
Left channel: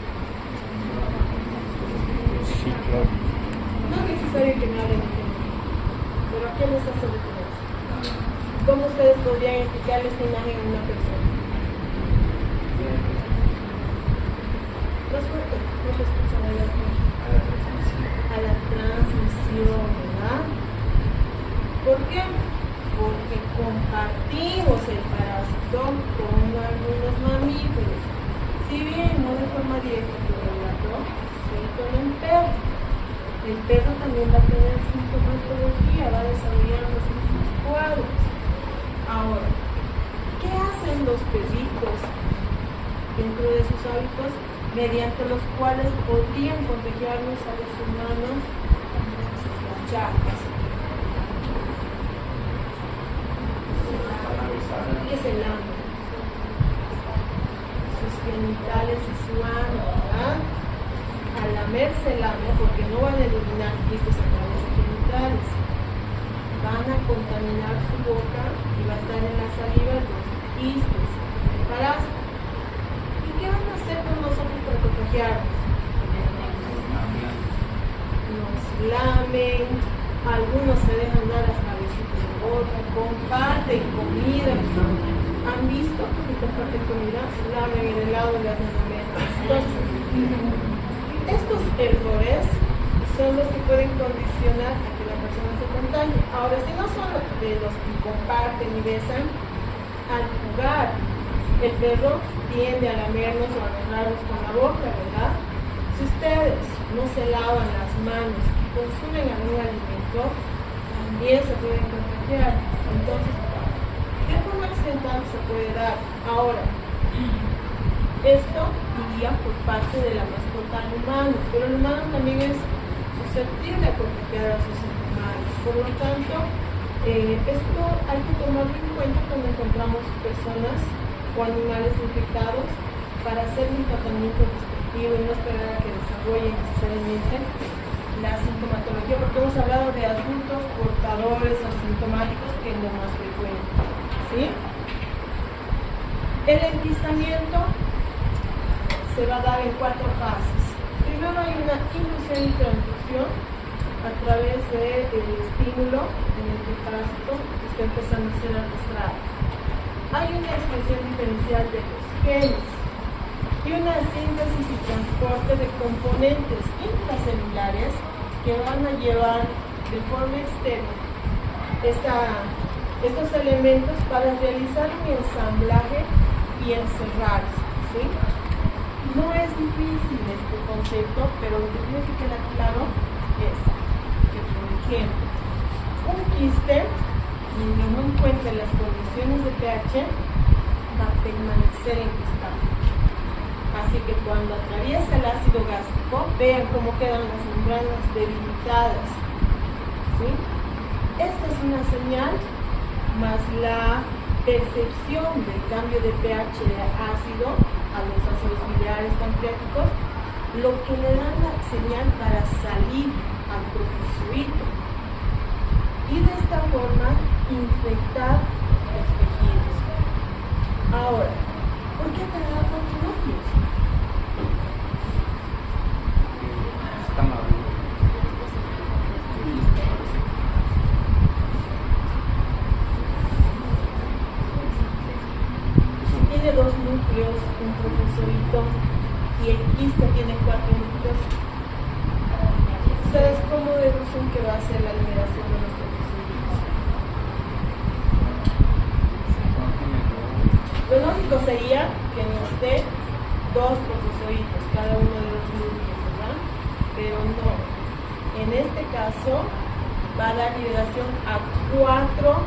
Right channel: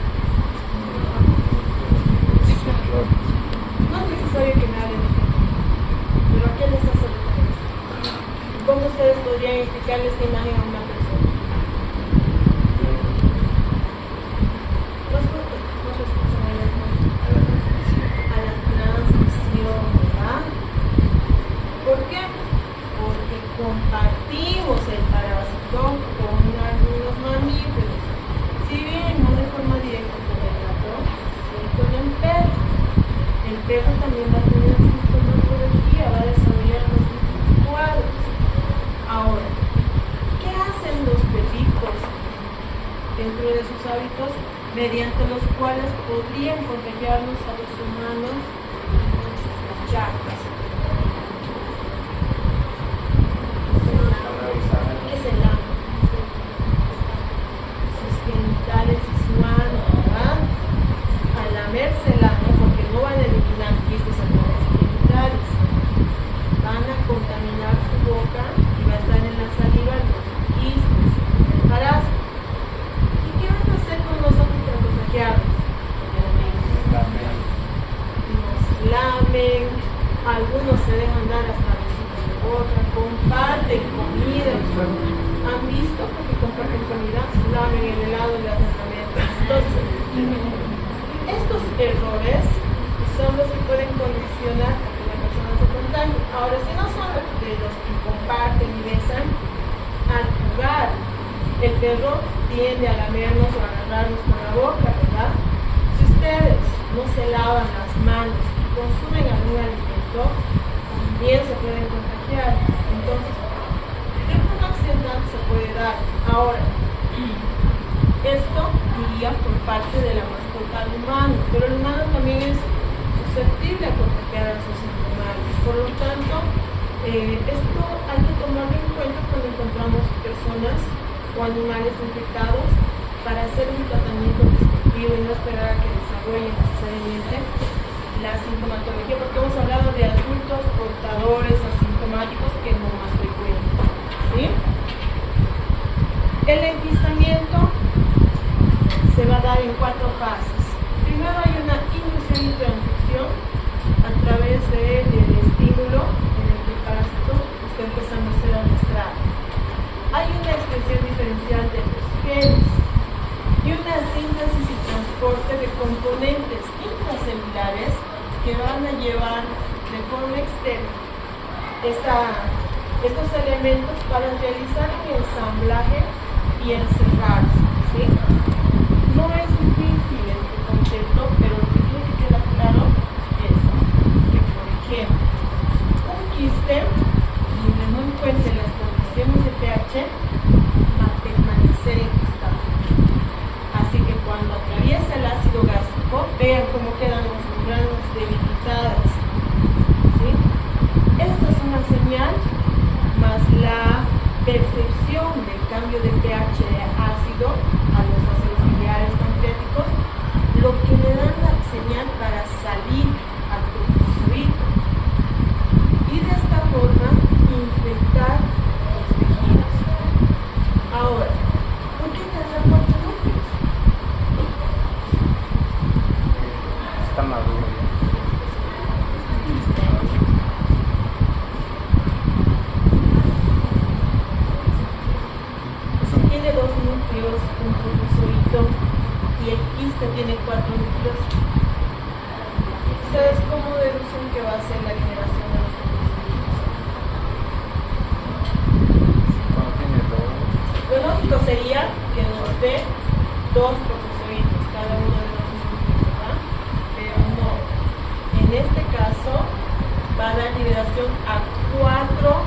No es necesario que me hablen de ejemplo, pero ¿a qué les hace referencia? ¿Cómo ustedes podrían explicarle esta imagen a una persona? No se escuchan a la transmisión, ¿verdad? ¿Por qué? Porque compartimos el parásito con algunos mamíferos. Si bien no de forma directa con el gato, sí con el perro. El perro también va a tener sintomatología, va a desarrollar los mismos cuadros. Ahora, ¿qué hacen los perritos dentro de sus hábitos mediante los cuales podrían contagiarnos a los humanos las llagas? ¿Qué es el ano? Sus genitales y su ano, ¿verdad? Al lamerse el ano, porque no van a eliminar quistes a través de genitales, van a contaminar su boca y va a estar en la saliva los quistes, parásitos. ¿Y qué van a hacer con nosotros para contagiarnos? Nos lamen, algunos se dejan dar hasta besitos de boca, comparten comida. ¿Han visto que comparten comida? Lamen el helado y le hacen lamer. Entonces, estos errores son los que pueden condicionar a que la persona se contagie. Ahora, si no son de los que comparten y besan, al jugar, el perro tiende a lamernos o a agarrarnos con la boca, ¿verdad? Si ustedes no se lavan las manos y consumen algún alimento, también se pueden contagiar. Entonces, de forma accidental se puede dar. Ahora, esto iría por parte de la mascota al humano, pero el humano también es susceptible a contagiar a sus animales. Por lo tanto, esto hay que tomarlo en cuenta cuando encontramos personas o animales infectados para hacer un tratamiento respectivo y no esperar a que desarrollen necesariamente la sintomatología, porque hemos hablado de adultos portadores asintomáticos, que es lo más frecuente, ¿sí? El enquistamiento se va a dar en 4 fases. Primero hay una inducción y transducción a través del estímulo en el que el parásito está empezando a ser arrastrado. Hay una expresión diferencial de los genes y una síntesis y transporte de componentes intracelulares que van a llevar de forma externa estos elementos para realizar un ensamblaje y encerrarse, ¿sí? No es difícil este concepto, pero lo que tiene que quedar claro es que, por ejemplo, un quiste, si no encuentra las condiciones de pH, va a permanecer enquistado. Así que cuando atraviesa el ácido gástrico, vean cómo quedan las membranas debilitadas, ¿sí? Esta es una señal, más la percepción del cambio de pH de ácido a los ácidos biliares pancreáticos, lo que le dan la señal para salir al trofozoito y de esta forma infectar los tejidos. Ahora, ¿por qué tendrá cuatro núcleos? Está maduro. Si tiene dos núcleos, un trofozoito, y el quiste tiene cuatro núcleos, ¿ustedes cómo deducen que va a ser la liberación de los trofozoitos? No tiene todo. Lo lógico sería que nos dé dos trofozoitos, cada uno de los núcleos, ¿verdad? Pero no. En este caso va a dar liberación a cuatro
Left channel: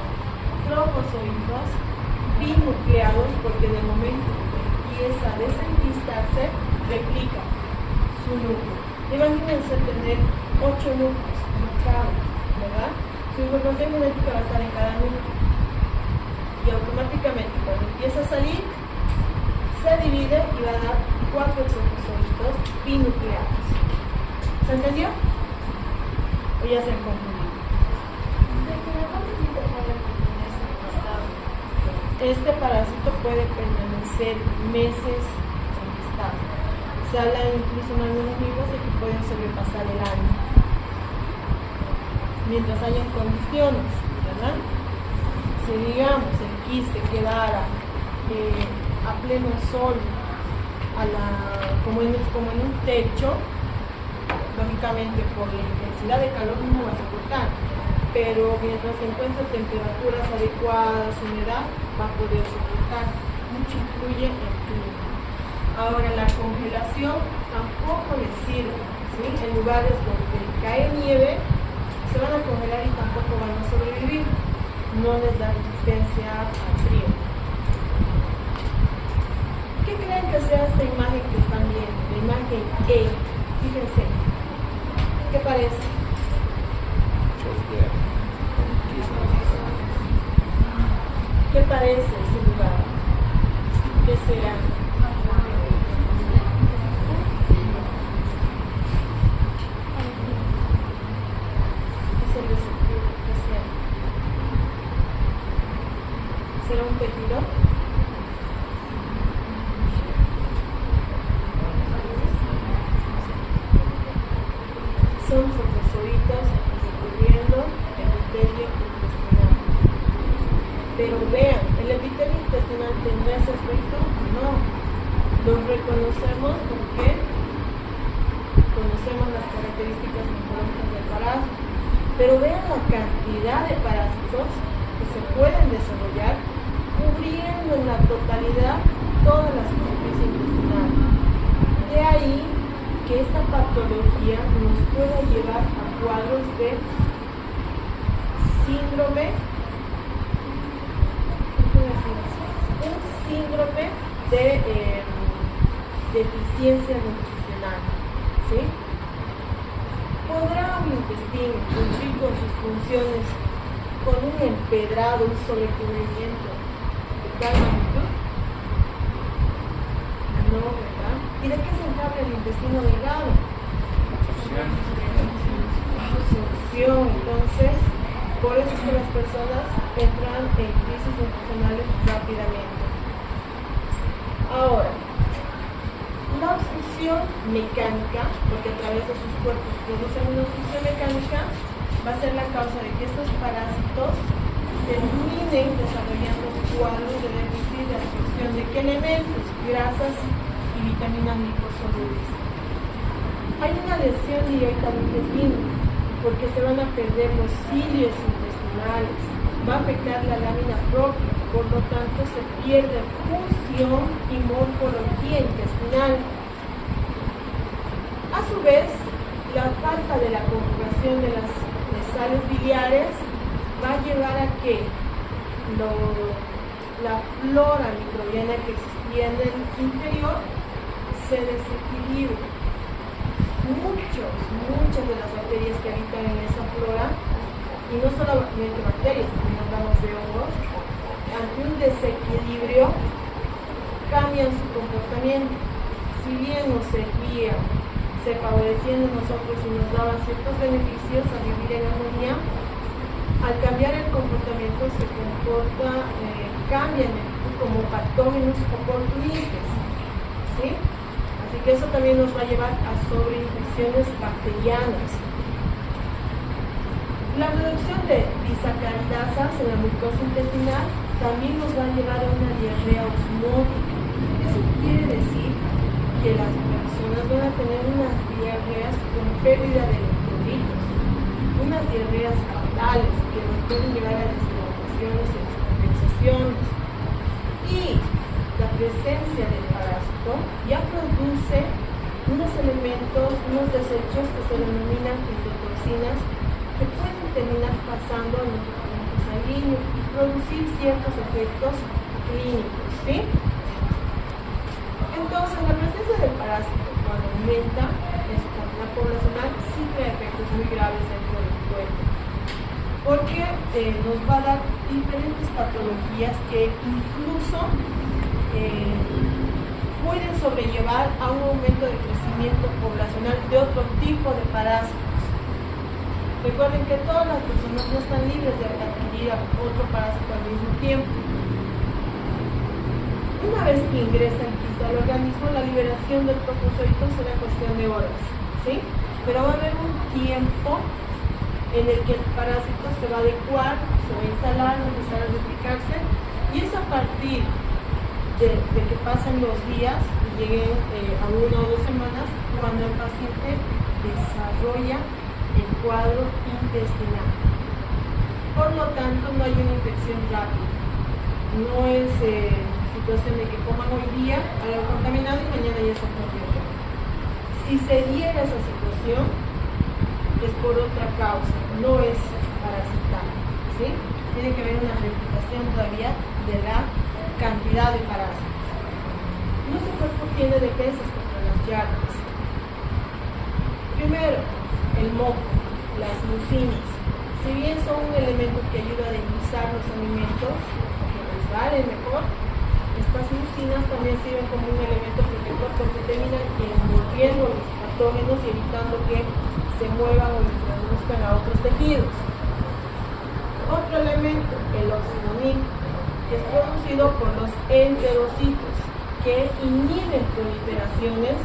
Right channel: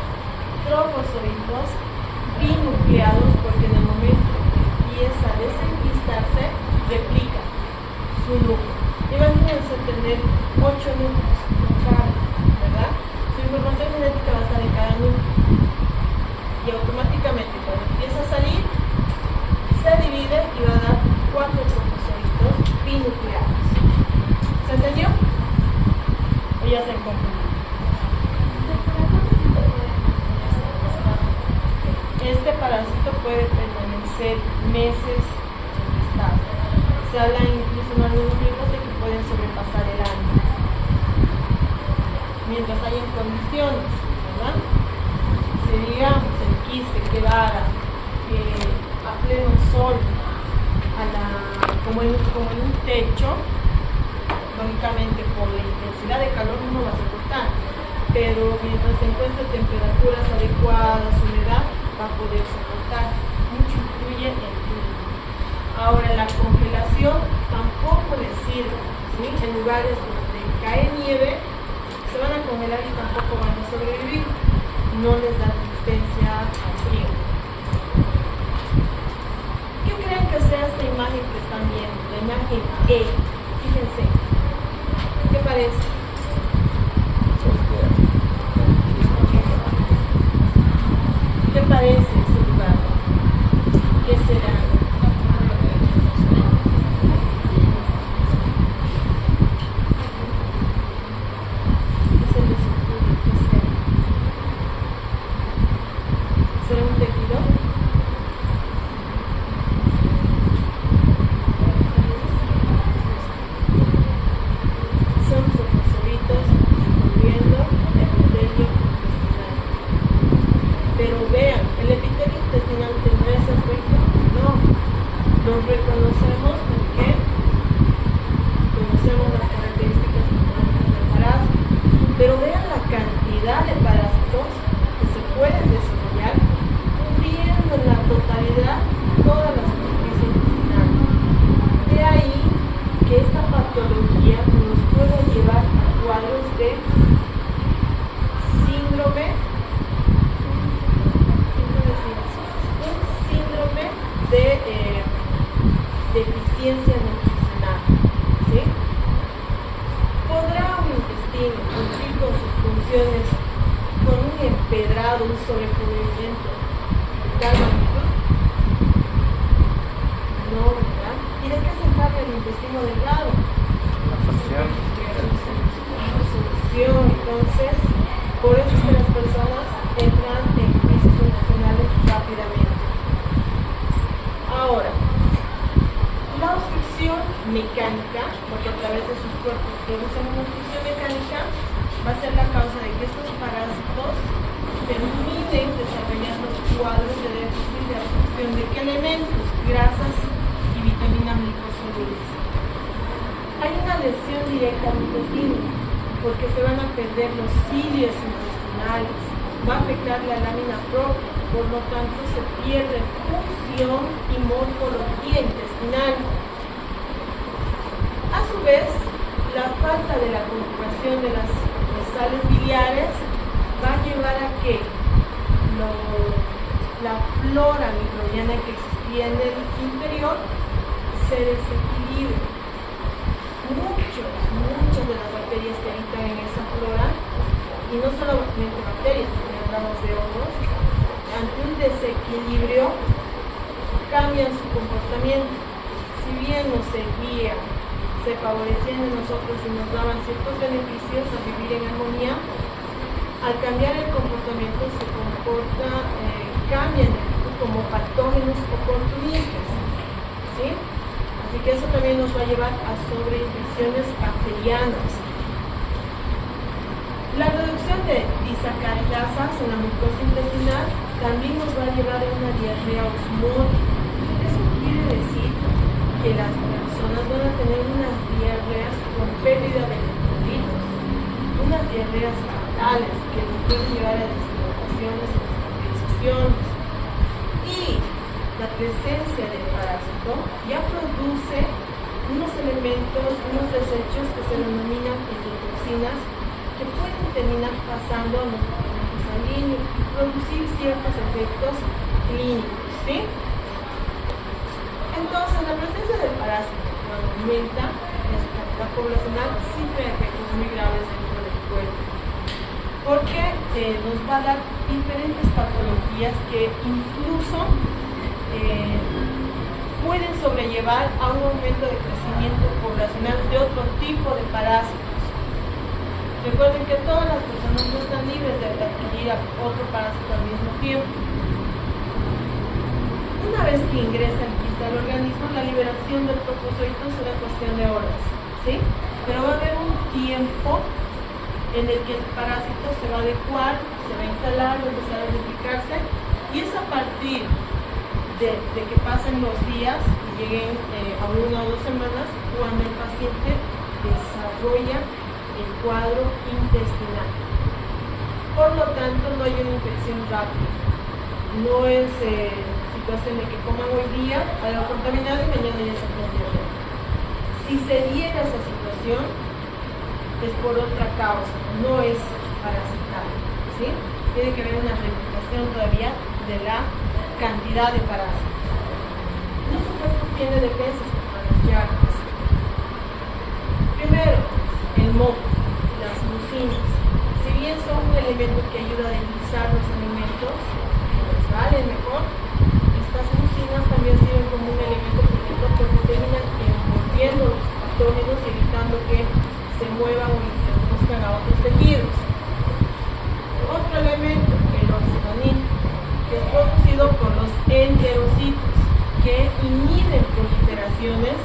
trofozoitos binucleados, porque en el momento que empieza a desenquistarse, replica su núcleo. Imagínense tener 8 núcleos, no cabe, ¿verdad? Su información genética va a estar en cada núcleo. Y automáticamente cuando empieza a salir, se divide y va a dar 4 trofozoitos binucleados. ¿Se entendió? ¿O ya se han confundido? Este parásito puede permanecer meses en estado. Se habla incluso en algunos libros de que pueden sobrepasar el año, mientras hayan condiciones, ¿verdad? Si digamos el quiste quedara a pleno sol, como en un techo, lógicamente por la intensidad de calor no va a soportar, pero mientras se encuentre temperaturas adecuadas, humedad, va a poder soportar. Mucho influye el clima. Ahora, la congelación tampoco les sirve, ¿sí? En lugares donde cae nieve, se van a congelar y tampoco van a sobrevivir. No les da resistencia al frío. ¿Qué creen que sea esta imagen que están viendo? La imagen E. Fíjense. ¿Qué parece? ¿Qué parece ese lugar? ¿Qué será? ¿Qué se les ocurre? ¿Qué será? ¿Será un tejido? Son trofozoitos recubriendo el epitelio intestinal. Pero vean, ¿el epitelio intestinal tendrá ese aspecto? No. Los reconocemos porque conocemos las características morfológicas del parásito. Pero vean la cantidad de parásitos que se pueden desarrollar cubriendo en la totalidad toda la superficie intestinal. De ahí que esta patología nos pueda llevar a cuadros de síndrome, un síndrome de deficiencia nutricional, ¿sí? ¿Podrá un intestino cumplir con sus funciones con un empedrado, un sobrecubrimiento de tal magnitud? No, ¿verdad? ¿Y de qué se encarga el intestino delgado? Absorción. Entonces, por eso es que las personas entran en crisis nutricionales rápidamente. Ahora, la obstrucción mecánica, porque a través de sus cuerpos producen una obstrucción mecánica, va a ser la causa de que estos parásitos terminen desarrollando cuadros de déficit de absorción de qué elementos, grasas y vitamina microsolubles. Hay una lesión directa al intestino, porque se van a perder los cilios intestinales, va a afectar la lámina propia, por lo tanto se pierde función y morfología intestinal. A su vez, la falta de la conjugación de las sales biliares va a llevar a que la flora microbiana que existía en el interior se desequilibre. Muchas de las bacterias que habitan en esa flora, y no solamente bacterias, como hablamos de hongos, ante un desequilibrio, cambian su comportamiento. Si bien nos seguían, se favorecían de nosotros y nos daban ciertos beneficios a vivir en armonía, al cambiar el comportamiento se comporta, cambian como patógenos oportunistas, ¿sí? Así que eso también nos va a llevar a sobreinfecciones bacterianas. La reducción de disacaridasas en la mucosa intestinal también nos va a llevar a una diarrea osmótica. Eso quiere decir que las personas van a tener unas diarreas con pérdida de electrolitos, unas diarreas fatales que nos pueden llevar a deshidrataciones o descompensaciones. Y la presencia del parásito ya produce unos elementos, unos desechos que se denominan endotoxinas, que pueden terminar pasando a nuestro torrente sanguíneo y producir ciertos efectos clínicos, ¿sí? Entonces, la presencia del parásito, cuando aumenta en su cantidad poblacional, sí trae efectos muy graves dentro del cuerpo, porque nos va a dar diferentes patologías que incluso pueden sobrellevar a un aumento de crecimiento poblacional de otro tipo de parásitos. Recuerden que todas las personas no están libres de adquirir otro parásito al mismo tiempo. Una vez que ingresa el virus al organismo, la liberación del trofozoito será cuestión de horas, ¿sí? Pero va a haber un tiempo en el que el parásito se va a adecuar, se va a instalar, va a empezar a duplicarse, y es a partir de que pasen los días y lleguen a 1 o 2 semanas cuando el paciente desarrolla el cuadro intestinal. Por lo tanto, no hay una infección rápida. No es situación de que coman hoy día algo contaminado y mañana ya está con diarrea. Si se diera esa situación, es por otra causa, no es parasital, ¿sí? Tiene que haber una replicación todavía de la cantidad de parásitos. Nuestro cuerpo tiene defensas contra las llagas. Primero, el moco, las mucinas. Si bien son un elemento que ayuda a deslizar los alimentos, que resbalen mejor, estas mucinas también sirven como un elemento protector porque terminan envolviendo los patógenos y evitando que se muevan o introduzcan a otros tejidos. Otro elemento, el oximonil, que es producido por los enterocitos, que inhiben proliferaciones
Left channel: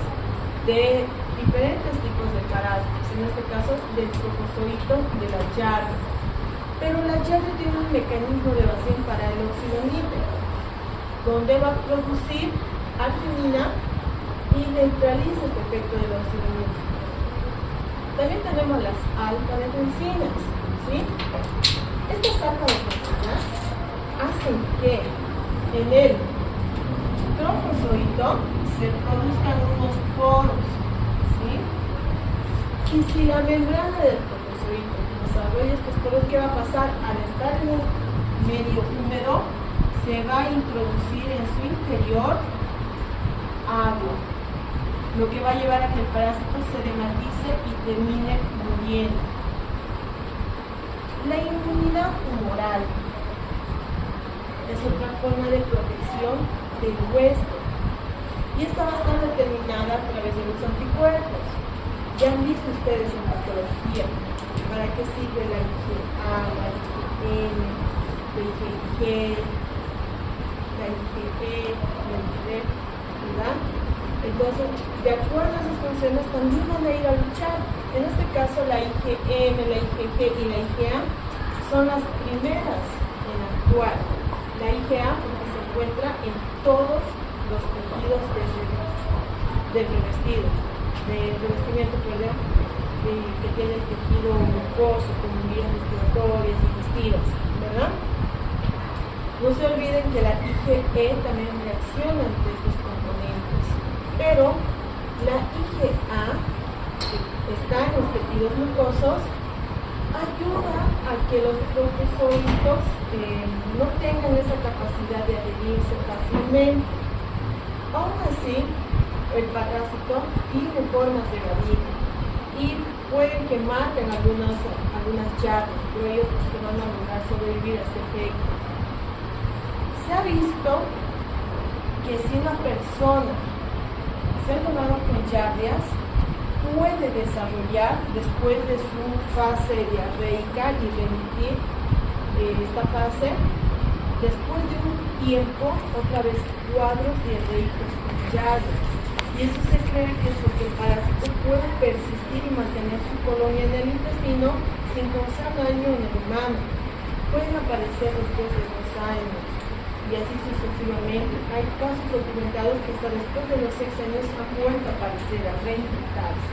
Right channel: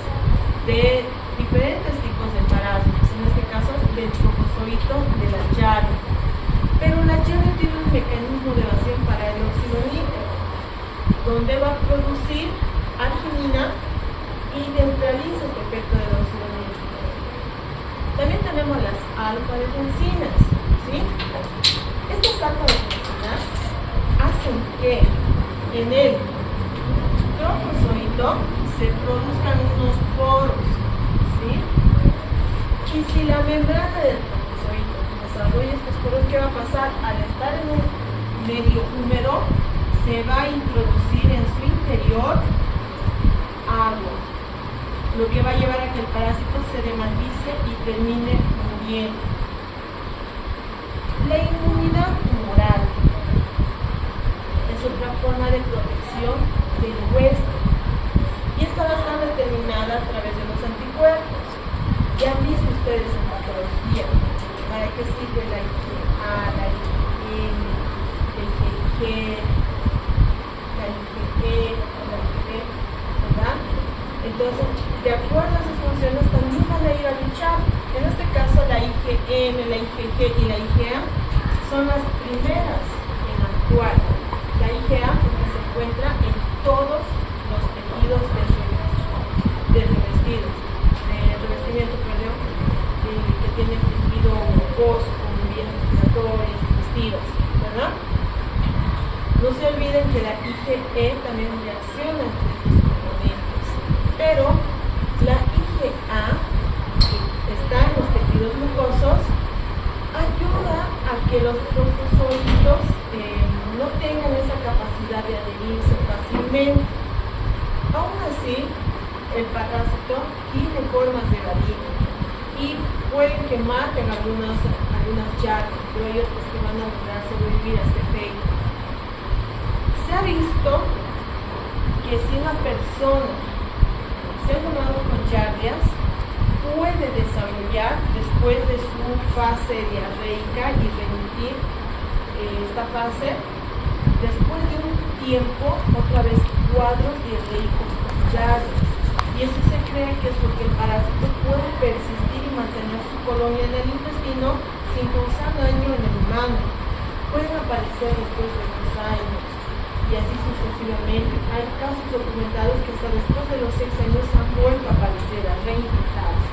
de diferentes tipos de parásitos, en este caso del trofozoito de la Yardia. Pero la Yardia tiene un mecanismo de evasión para el oximonil, donde va a producir arginina y neutraliza este efecto del oximonil. También tenemos las alfa-defensinas, ¿sí? Estas alfa-defensinas hacen que en el trofozoito se produzcan unos poros, ¿sí? Y si la membrana del trofozoito desarrolla estos poros, ¿qué va a pasar? Al estar en un medio húmedo, se va a introducir en su interior agua, lo que va a llevar a que el parásito se dematice y termine muriendo. La inmunidad humoral es otra forma de protección del huésped y está bastante determinada a través de los anticuerpos. Ya han visto ustedes en patología para qué sirve la IgA, la IgM, la IgG, la IgE, la IgD, ¿verdad? Entonces, de acuerdo a esas funciones, también van a ir a luchar. En este caso, la IgM, la IgG y la IgA son las primeras en actuar. La IgA porque se encuentra en todos los tejidos del revestimiento, que tiene el tejido mucoso, como vías respiratorias, digestivas, ¿verdad? No se olviden que la IgE también reacciona entre estos componentes, pero la IgA, que está en los tejidos mucosos, ayuda a que los trofozoitos no tengan esa capacidad de adherirse fácilmente. Aún así, el parásito tiene formas de evadir y pueden quemar en algunas llagas, pero hay otras que van a lograr sobrevivir a este efecto. ha visto que si una persona se ha tomado con yardias, puede desarrollar después de su fase diarreica y remitir esta fase, después de un tiempo, otra vez cuadros diarreicos con yardias. Y eso se cree que es porque el parásito puede persistir y mantener su colonia en el intestino sin causar daño en el humano. Pueden aparecer después de 2 años y así sucesivamente. Hay casos documentados que hasta después de los 6 años han vuelto a aparecer, a reinfectarse.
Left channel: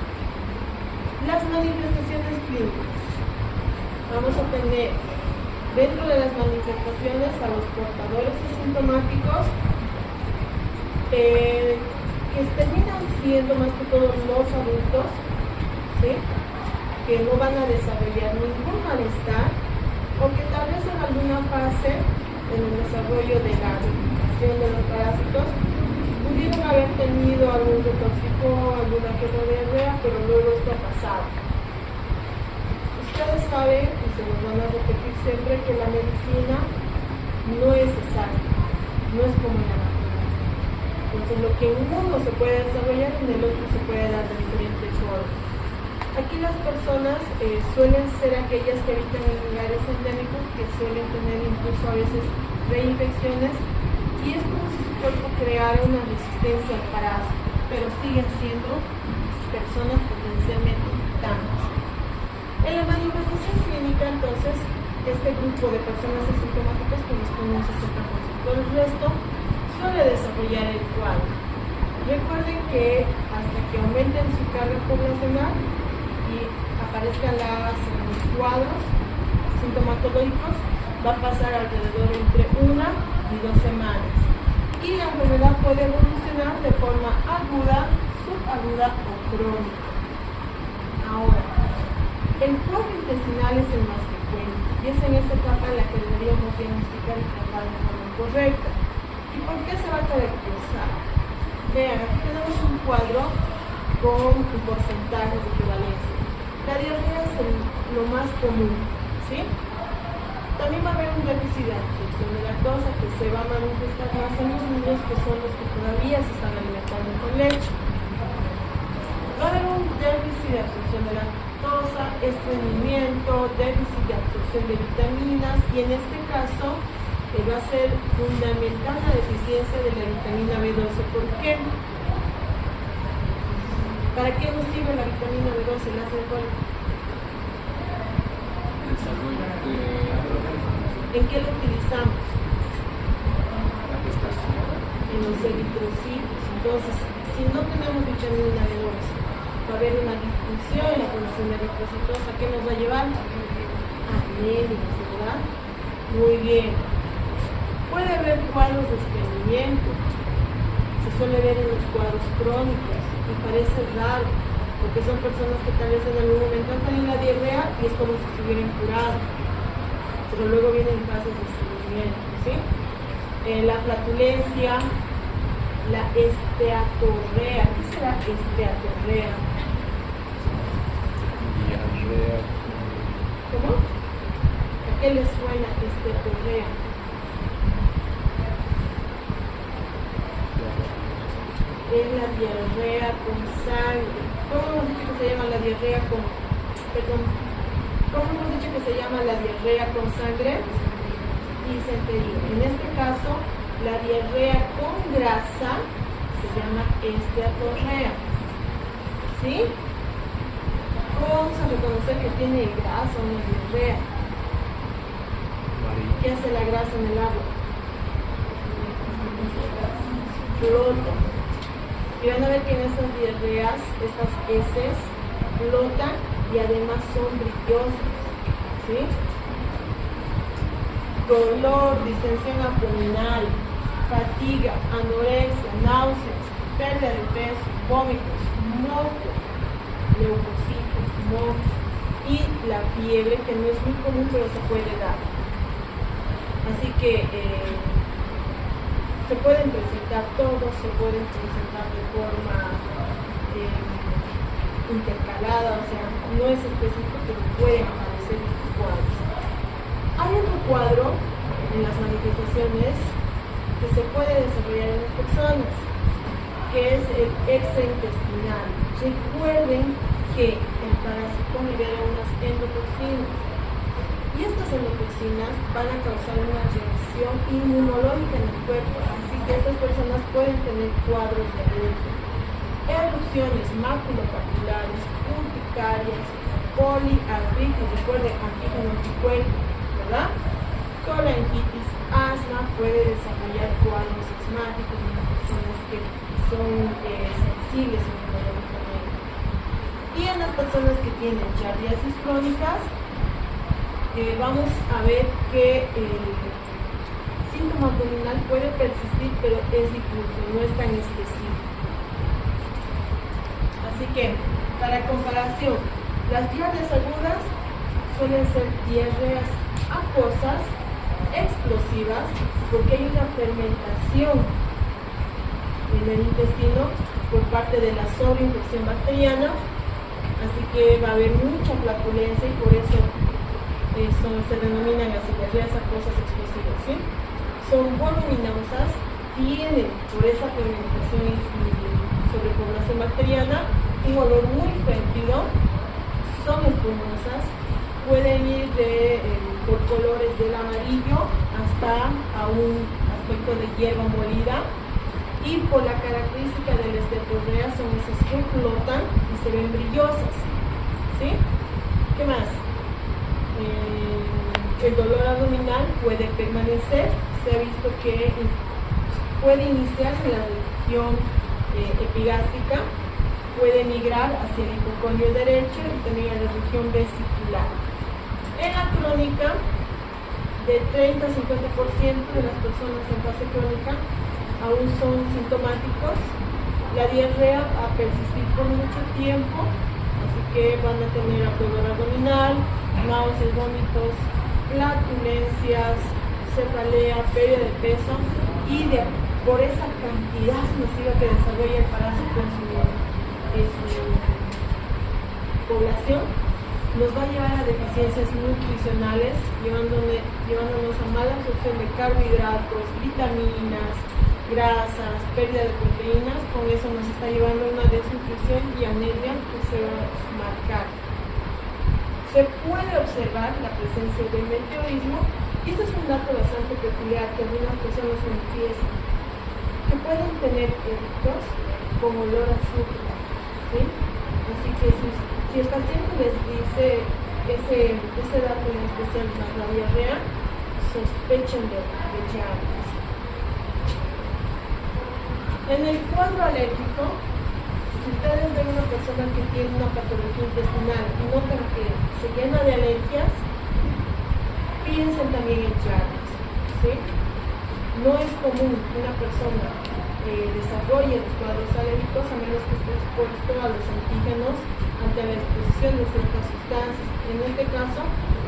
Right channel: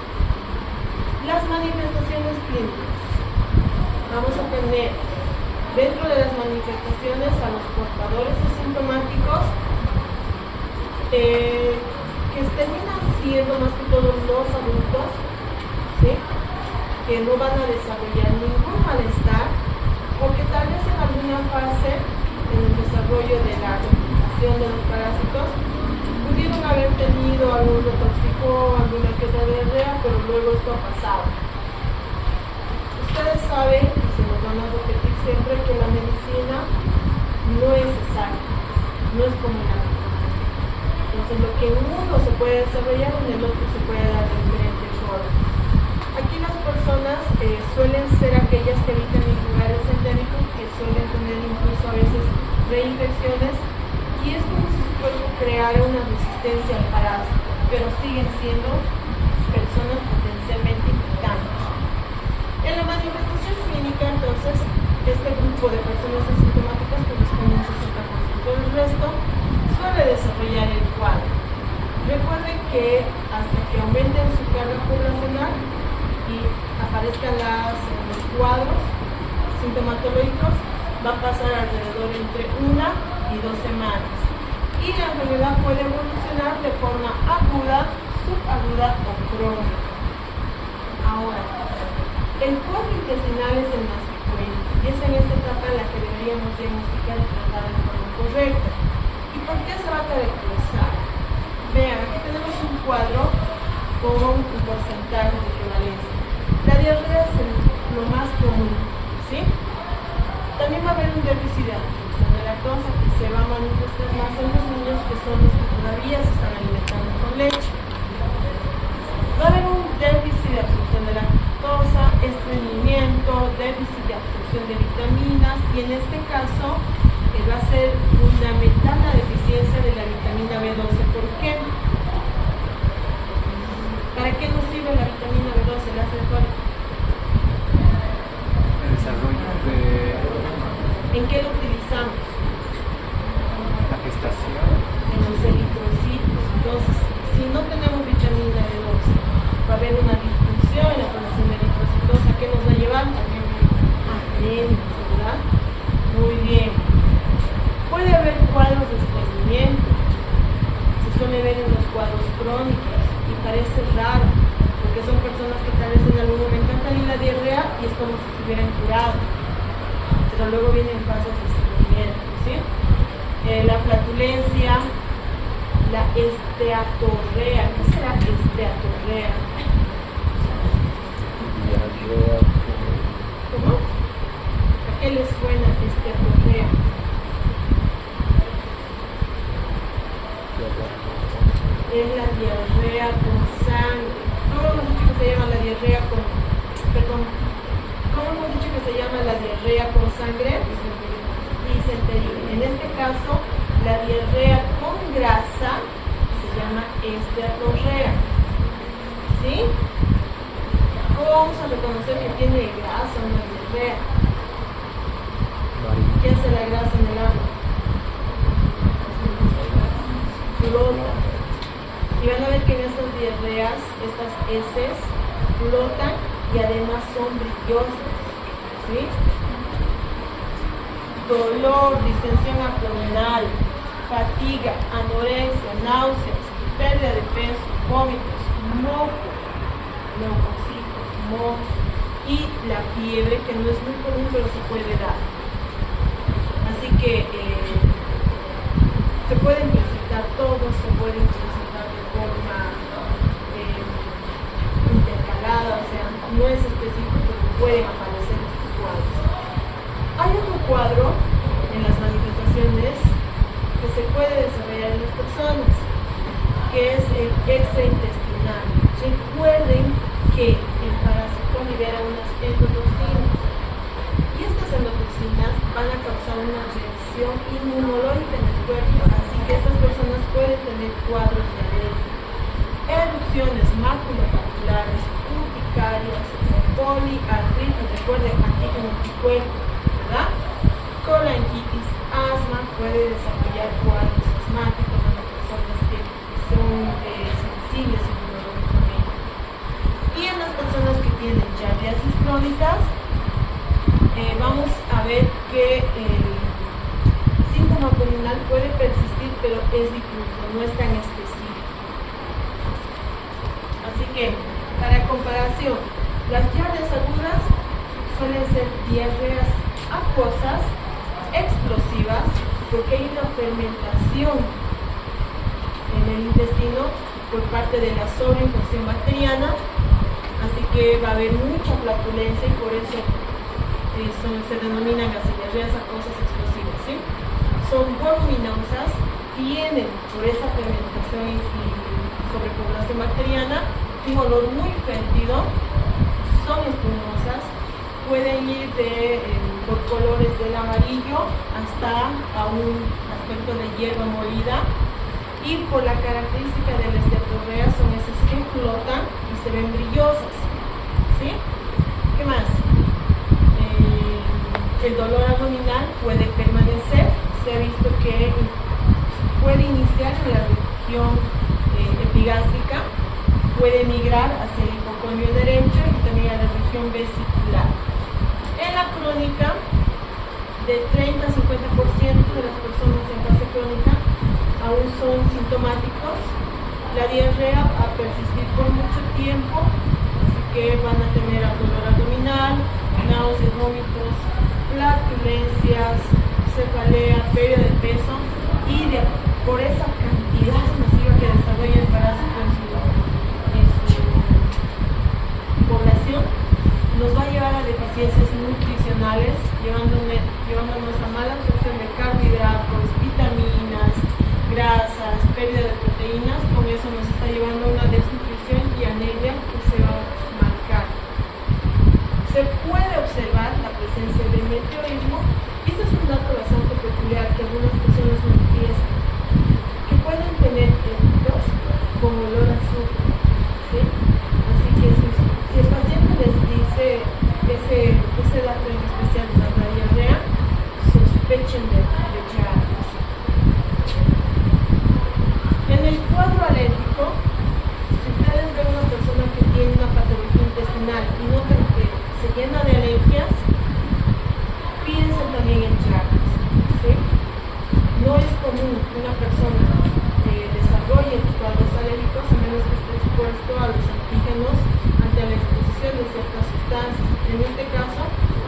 Las manifestaciones clínicas. Vamos a tener dentro de las manifestaciones a los portadores asintomáticos que terminan siendo más que todo los adultos, ¿sí? Que no van a desarrollar ningún malestar o que tal vez en alguna fase en el desarrollo de la replicación de los parásitos pudieron haber tenido algún retóxico, alguna que otra diarrea, pero luego esto ha pasado. Ustedes saben, y se nos van a repetir siempre, que la medicina no es exacta, no es como una naturaleza. Entonces lo que en uno se puede desarrollar, en el otro se puede dar de diferente forma. Aquí las personas suelen ser aquellas que habitan en lugares endémicos, que suelen tener incluso a veces reinfecciones, y es como si su cuerpo creara una resistencia al parásito, pero siguen siendo personas potencialmente infectantes. En la manifestación clínica, entonces, este grupo de personas asintomáticas corresponde a un 60%. El resto suele desarrollar el cuadro. Recuerden que hasta que aumenten su carga poblacional y aparezcan los cuadros sintomatológicos, va a pasar alrededor entre 1 y 2 semanas. Y la enfermedad puede evolucionar de forma aguda, subaguda o crónica. Ahora, el cuadro intestinal es el más frecuente y es en esta etapa en la que deberíamos diagnosticar y tratar de forma correcta. ¿Y por qué se va a caracterizar? Vean, aquí tenemos un cuadro con un porcentaje de prevalencia. La diarrea es lo más común, ¿sí? También va a haber un déficit de absorción de lactosa que se va a manifestar más en los niños, que son los que todavía se están alimentando con leche. Va a haber un déficit de absorción de lactosa, estreñimiento, déficit de absorción de vitaminas, y en este caso va a ser fundamental la deficiencia de la vitamina B12. ¿Por qué? ¿Para qué nos sirve la vitamina B12, el ácido fólico? Desarrollo de ¿En qué lo utilizamos? la gestación. En los eritrocitos. Entonces, si no tenemos vitamina B12, va a haber una disfunción en la producción de eritrocitos. ¿A qué nos va a llevar? A anémicos, ¿verdad? Muy bien. Puede haber cuadros de estreñimiento. Se suele ver en los cuadros crónicos y parece raro, porque son personas que tal vez en algún momento han tenido la diarrea y es como si se hubieran curado, pero luego vienen fases de estreñimiento, ¿sí? La flatulencia, la esteatorrea. ¿Qué será esteatorrea? Diarrea. ¿Cómo? ¿A qué les suena esteatorrea? Es la diarrea con sangre. ¿Cómo hemos dicho que se llama la diarrea con... Perdón. ¿Cómo hemos dicho que se llama la diarrea con sangre? Disentería. En este caso, la diarrea con grasa se llama esteatorrea. ¿Sí? ¿Cómo vamos a reconocer que tiene grasa una diarrea? ¿Qué hace la grasa en el agua? Flota. Y van a ver que en esas diarreas, estas heces flotan y además son brillosas, ¿sí? Dolor, distensión abdominal, fatiga, anorexia, náuseas, pérdida de peso, vómitos, moco, leucocitos, mocos y la fiebre, que no es muy común pero se puede dar. Así que se pueden presentar todos, se pueden presentar de forma intercalada, o sea, no es específico, pero pueden aparecer estos cuadros. Hay otro cuadro en las manifestaciones que se puede desarrollar en las personas, que es el extraintestinal. Recuerden que el parásito libera unas endotoxinas y estas endotoxinas van a causar una reacción inmunológica en el cuerpo, así que estas personas pueden tener cuadros de alergia, erupciones maculopapulares, urticarias, poliartritis, recuerden, antígeno anticuerpo, ¿verdad? Colangitis, asma, puede desarrollar cuadros asmáticos en las personas que son sensibles inmunológicamente. Y en las personas que tienen giardiasis crónicas, vamos a ver que el síntoma abdominal puede persistir, pero es difuso, no es tan específico. Así que, para comparación, las diarreas agudas suelen ser diarreas acuosas, explosivas, porque hay una fermentación en el intestino por parte de la sobreinfección bacteriana, así que va a haber mucha flatulencia y por eso se denominan las diarreas acuosas explosivas, ¿sí? Son voluminosas, tienen por esa fermentación y sobrepoblación bacteriana un olor muy fétido, son espumosas, pueden ir por colores del amarillo hasta a un aspecto de hierba molida, y por la característica de las diarreas son esas que flotan y se ven brillosas, ¿sí? ¿Qué más? El dolor abdominal puede permanecer, se ha visto que puede iniciar en la región epigástrica, puede migrar hacia el hipocondrio derecho y también a la región vesicular. En la crónica, de 30 a 50% de las personas en fase crónica aún son sintomáticos. La diarrea va a persistir por mucho tiempo, así que van a tener dolor abdominal, náuseas, vómitos, flatulencias, cefalea, pérdida de peso, y por esa cantidad masiva que desarrolla el parásito en su población, nos va a llevar a deficiencias nutricionales, llevándonos a mala absorción de carbohidratos, vitaminas, grasas, pérdida de proteínas. Con eso nos está llevando a una desnutrición y anemia que se va a marcar. Se puede observar la presencia del meteorismo, y este es un dato bastante peculiar que algunas personas manifiestan, que pueden tener heridos con olor a azufre, ¿sí? Así que si el paciente les dice ese dato en especial tras la diarrea, sospechen de giardias. En el cuadro alérgico, si ustedes ven una persona que tiene una patología intestinal y notan que se llena de alergias, piensen también en giardias, ¿sí? No es común que una persona desarrolle los cuadros alérgicos a menos que esté expuesto a los antígenos ante la exposición de ciertas sustancias. En este caso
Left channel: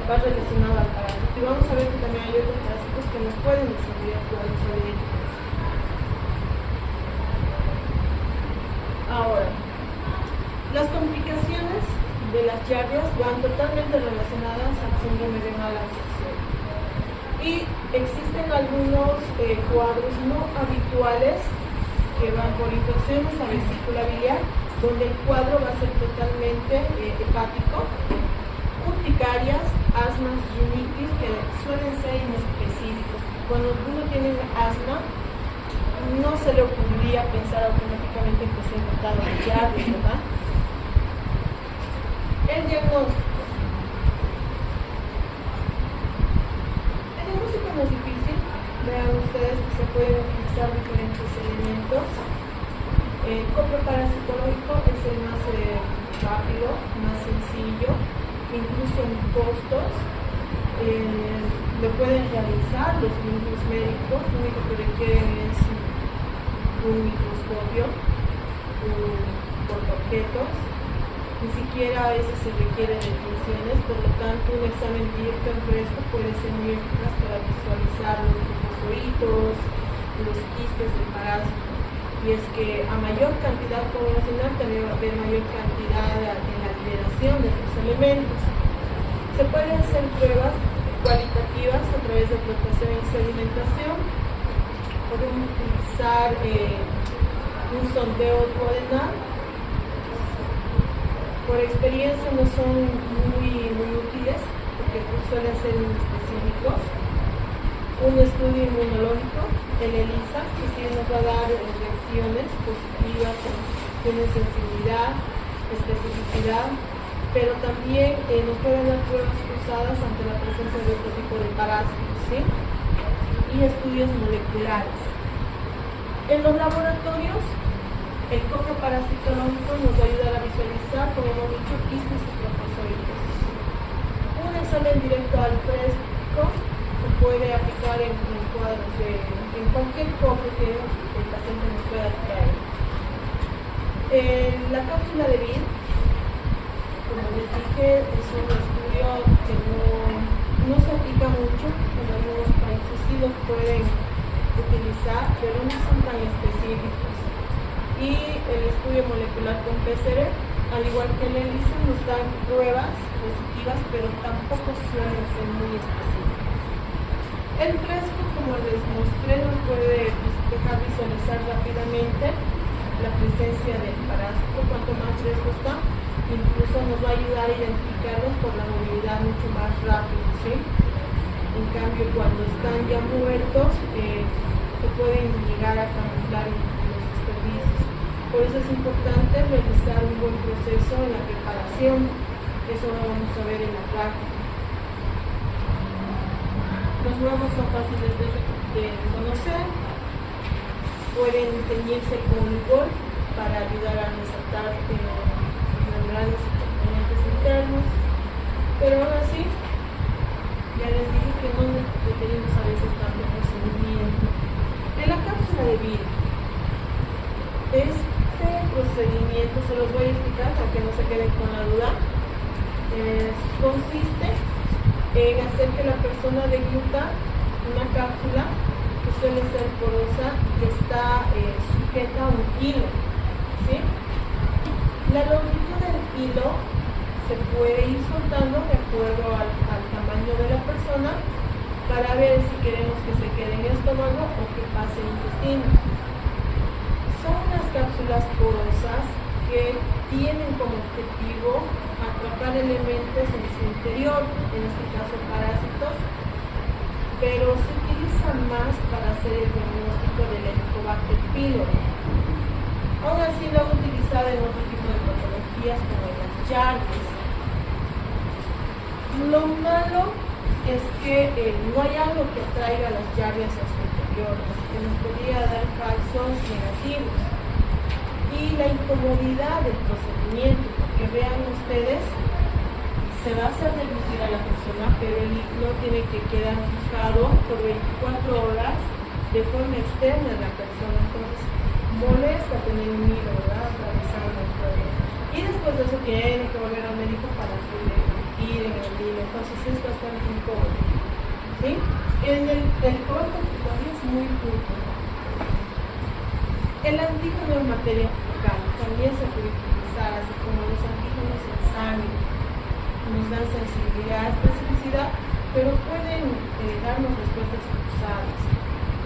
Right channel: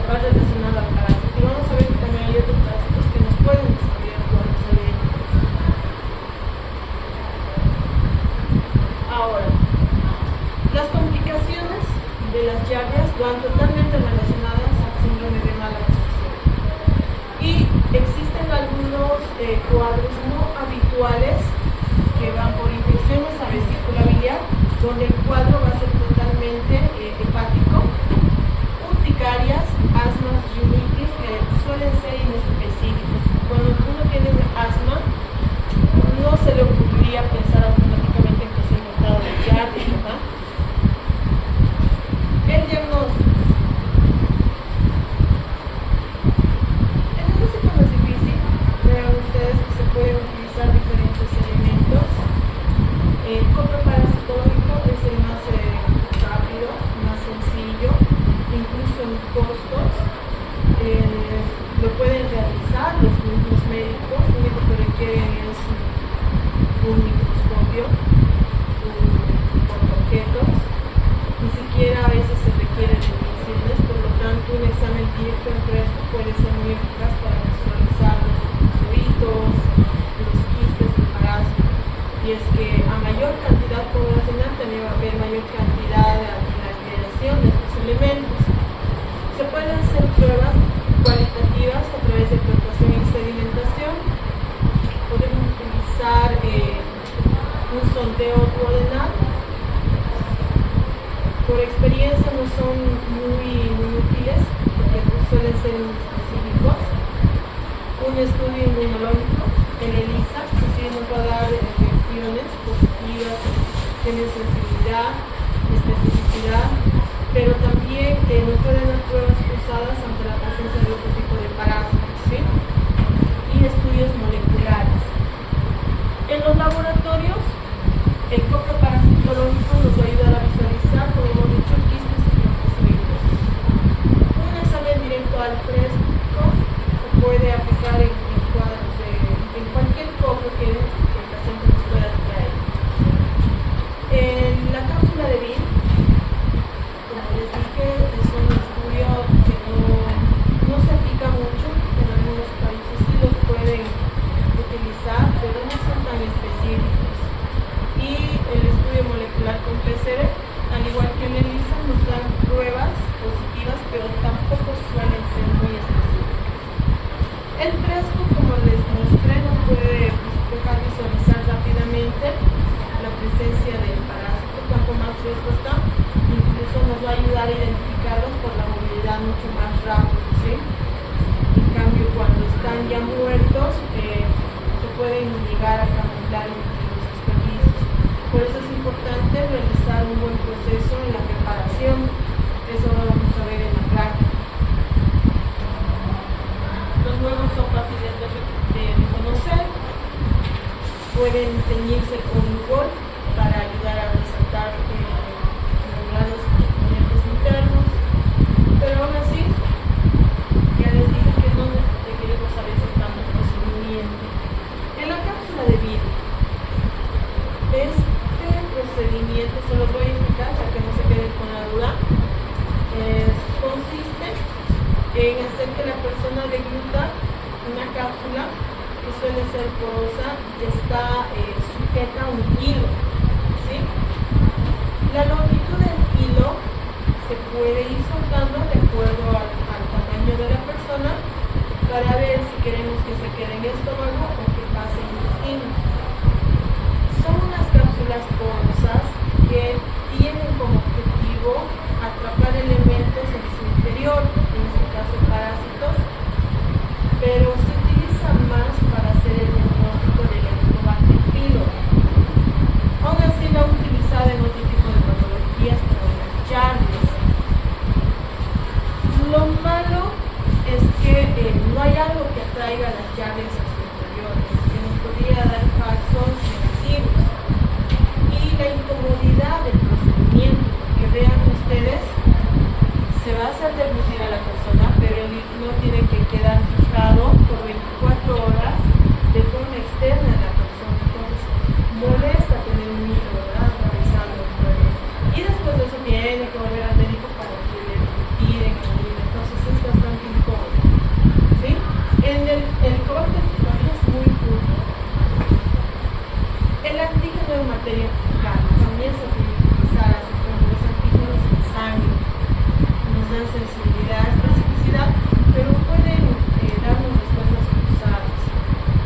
va relacionado al parásito, y vamos a ver que también hay otros parásitos que nos pueden desarrollar cuadros alérgicos. Ahora, las complicaciones de las giardias van totalmente relacionadas al síndrome renal absorción, y existen algunos cuadros no habituales que van por infecciones a vesícula biliar, donde el cuadro va a ser totalmente hepático, urticarias, asmas, rinitis, que suelen ser inespecíficos. Cuando uno tiene asma, no se le ocurriría pensar automáticamente que se infectado de giardia, ¿verdad? El diagnóstico. El diagnóstico no es difícil. Vean ustedes que se pueden utilizar diferentes elementos. El coproparasitológico es el más rápido, más sencillo, incluso en costos. Lo pueden realizar los mismos médicos. Lo único que requieren es un microscopio, un portaobjetos. Ni siquiera a veces se requieren mediciones, por lo tanto un examen directo en fresco puede ser muy eficaz para visualizar los linfocitos, los quistes del parásito. Y es que a mayor cantidad poblacional también va a haber mayor cantidad en la liberación de estos elementos. Se pueden hacer pruebas cualitativas a través de filtración y sedimentación. Podemos utilizar un sondeo duodenal. Por experiencia no son muy útiles porque suelen ser muy específicos. Un estudio inmunológico, el ELISA, que sí nos va a dar reacciones positivas, tiene sensibilidad, especificidad, pero también nos pueden dar pruebas cruzadas ante la presencia de otro tipo de parásitos, ¿sí? Y estudios moleculares. En los laboratorios, el copo parasitológico nos va a ayudar a visualizar, como hemos dicho, quistes y troncozoides. Un examen directo al fresco se puede aplicar en cuadros en cualquier copo que el paciente nos pueda traer. La cápsula de Bill, como les dije, es un estudio que no se aplica mucho, en algunos países sí los pueden utilizar, pero no son tan específicos. Y el estudio molecular con PCR, al igual que el ELISA, nos dan pruebas positivas, pero tampoco suelen ser muy específicas. El fresco, como les mostré, nos puede dejar visualizar rápidamente la presencia del parásito. Cuanto más fresco está, incluso nos va a ayudar a identificarlos por la movilidad mucho más rápido, ¿sí? En cambio, cuando están ya muertos, se pueden llegar a camuflar en los desperdicios. Por eso es importante realizar un buen proceso en la preparación. Eso lo vamos a ver en la práctica. Los huevos son fáciles de reconocer. Pueden teñirse con licor para ayudar a resaltar determinados componentes internos. Pero aún así, ya les dije que no requerimos a veces tanto procedimiento. En la cápsula de vida, este procedimiento se los voy a explicar para que no se queden con la duda. Consiste en hacer que la persona degluta una cápsula que suele ser porosa y que está sujeta a un hilo, ¿sí? La longitud del hilo se puede ir soltando de acuerdo al tamaño de la persona para ver si queremos que se quede en el estómago o que pase en el intestino. Son unas cápsulas porosas que tienen como objetivo atrapar elementos en su interior, en este caso parásitos, pero se utiliza más para hacer el diagnóstico del Helicobacter pylori. Aún así lo han utilizado en otro tipo de patologías como las Jardies. Lo malo es que no hay algo que atraiga las Jardies a su interior, que nos podría dar falsos negativos. Y la incomodidad del procedimiento, que vean ustedes, se va a hacer deglutir a la persona, pero el hilo tiene que quedar fijado por 24 horas de forma externa de la persona. Entonces, molesta tener un hilo, ¿verdad?, atravesando el cuello. Y después de eso tiene que volver al médico para que le retiren el hilo. Entonces, es bastante incómodo, ¿sí? El color de fotografía es muy puro. El antígeno de materia fecal también se puede utilizar, así como los antígenos en sangre. Nos dan sensibilidad, especificidad, pero pueden darnos respuestas cruzadas,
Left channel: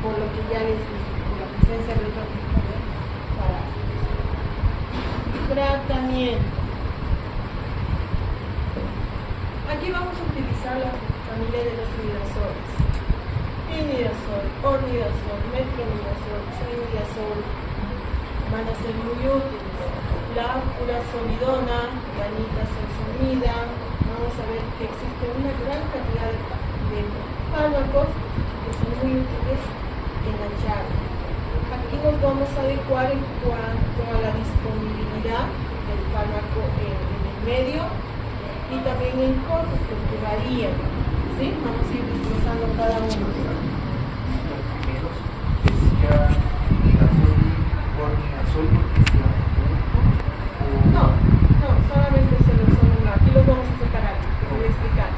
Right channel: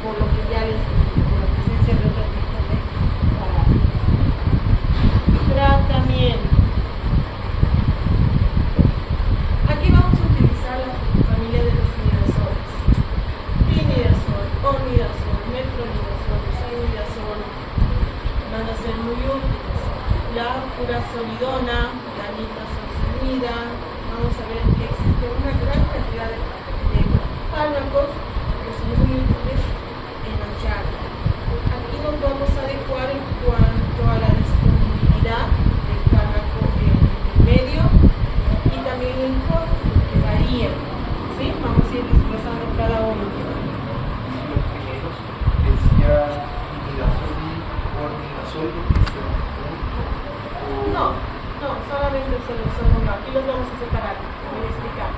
por lo que ya les dije, por la presencia de otro tipo de parásitos. Tratamiento. Aquí vamos a utilizar la familia de los imidazoles. Imidazol, ornidazol, metronidazol, imidazol van a ser muy útiles. La furazolidona, la nitazoxanida. Vamos a ver que existe una gran cantidad de fármacos que son muy útiles en la charla. Aquí nos vamos a adecuar en cuanto a la disponibilidad del fármaco en el medio y también en cortos, porque varían, ¿sí? Vamos a ir desglosando cada uno. No, solamente se los son uno. Aquí los vamos a separar, voy a explicar.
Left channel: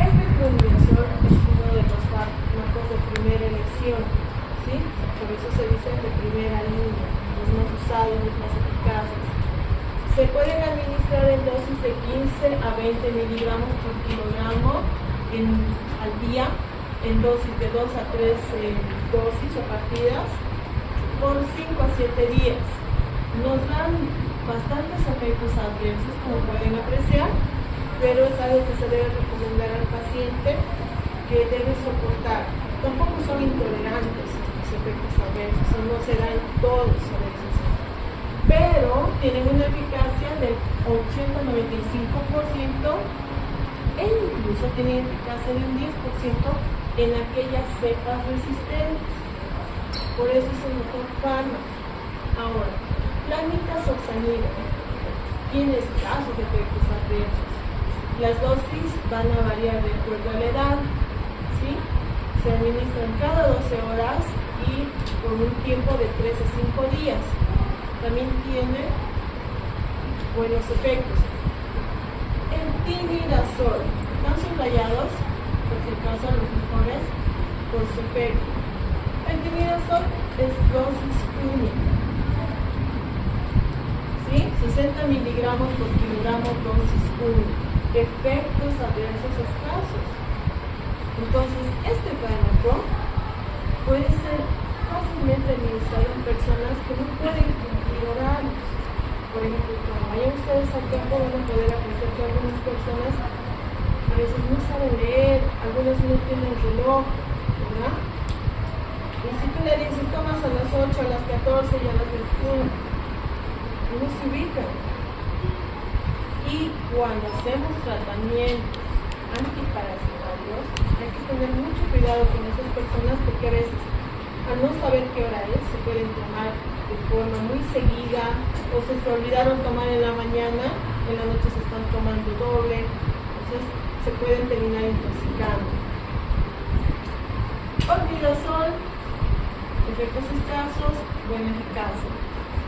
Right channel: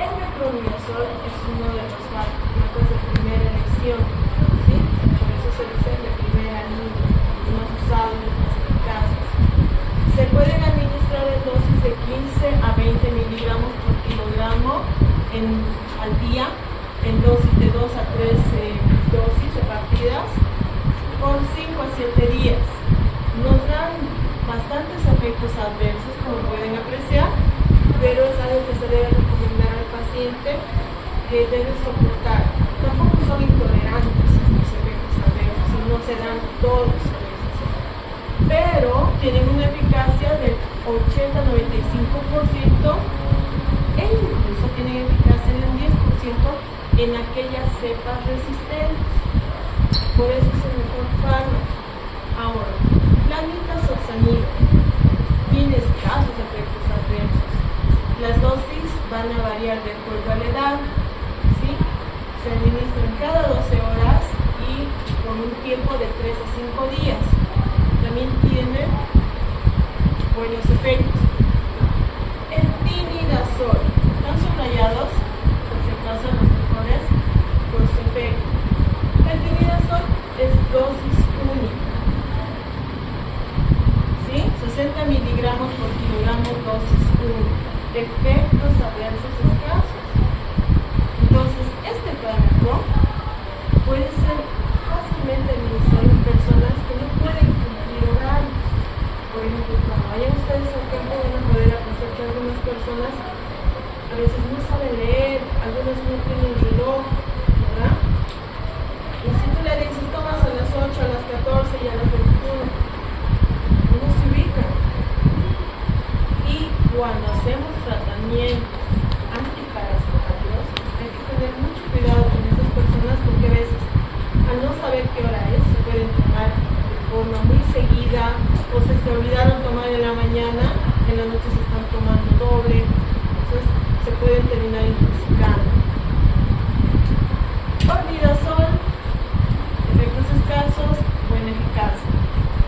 El metronidazol es uno de los fármacos de primera elección, ¿sí? Por eso se dice de primera línea, los más usados, los más eficaces. Se pueden administrar en dosis de 15 a 20 miligramos por kilogramo al día, en dosis de 2 a 3 dosis o partidas. por 5 a 7 días. Nos dan bastantes efectos adversos, como pueden apreciar, pero es algo que se debe recomendar al paciente que debe soportar. Tampoco son intolerantes a estos efectos adversos, no se dan todos a veces, pero tienen una eficacia del 80-95% e incluso tienen eficacia del 10% en aquellas cepas resistentes. Por eso es el mejor fármaco. Ahora, la nitazoxanida tiene escasos efectos adversos. Las dosis van a variar de acuerdo a la edad, ¿sí? Se administran cada 12 horas y con un tiempo de 3 a 5 días. También tiene buenos efectos. El tinidazol, están subrayados, por si acaso los mejores, por su efecto. El tinidazol es dosis única. 60 miligramos por kilogramo dosis 1, efectos adversos escasos. Entonces, este fármaco puede ser fácilmente administrado en personas que no pueden cumplir horarios. Por ejemplo, cuando vayan ustedes al campo van a poder apreciar que algunas personas a veces no saben leer, algunas no tienen reloj, ¿verdad? Y si tú le dices, tomas a las 8, a las 14 y a las 21, no se ubican. Y cuando hacemos tratamientos antiparasitarios hay que tener mucho cuidado con estas personas, porque a veces al no saber qué hora es se pueden tomar de forma muy seguida, o se olvidaron tomar en la mañana, en la noche se están tomando doble, entonces se pueden terminar intoxicando. Olvidazol, efectos escasos, buena eficacia.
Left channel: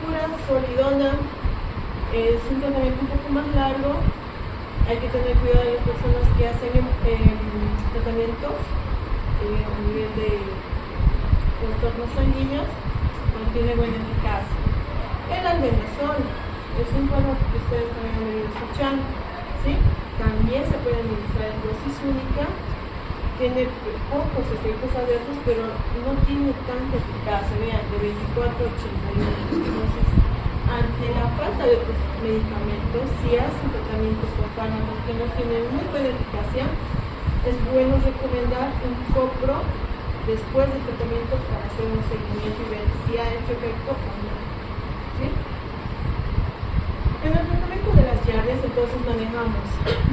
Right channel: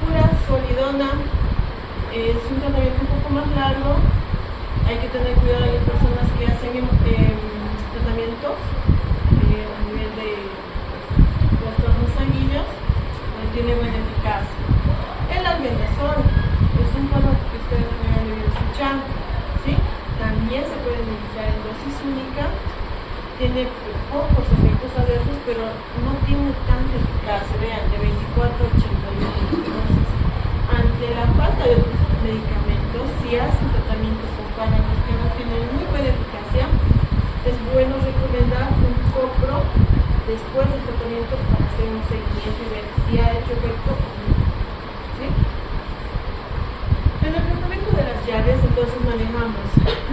Furazolidona es un tratamiento un poco más largo. Hay que tener cuidado de las personas que hacen tratamientos a nivel de trastornos sanguíneos, no tiene buena eficacia. El albendazol es un fármaco que ustedes pueden haber venido escuchando, ¿sí? También se puede administrar en dosis única. Tiene pocos efectos adversos, pero no tiene tanta eficacia, vean, de 24 a 81. Entonces, ante la falta de otros medicamentos, si hacen tratamientos con fármacos que no tienen muy buena eficacia, es bueno recomendar un copro después del tratamiento para hacer un seguimiento y ver si ha hecho efecto o no, ¿sí? En el tratamiento de las diarreas, entonces manejamos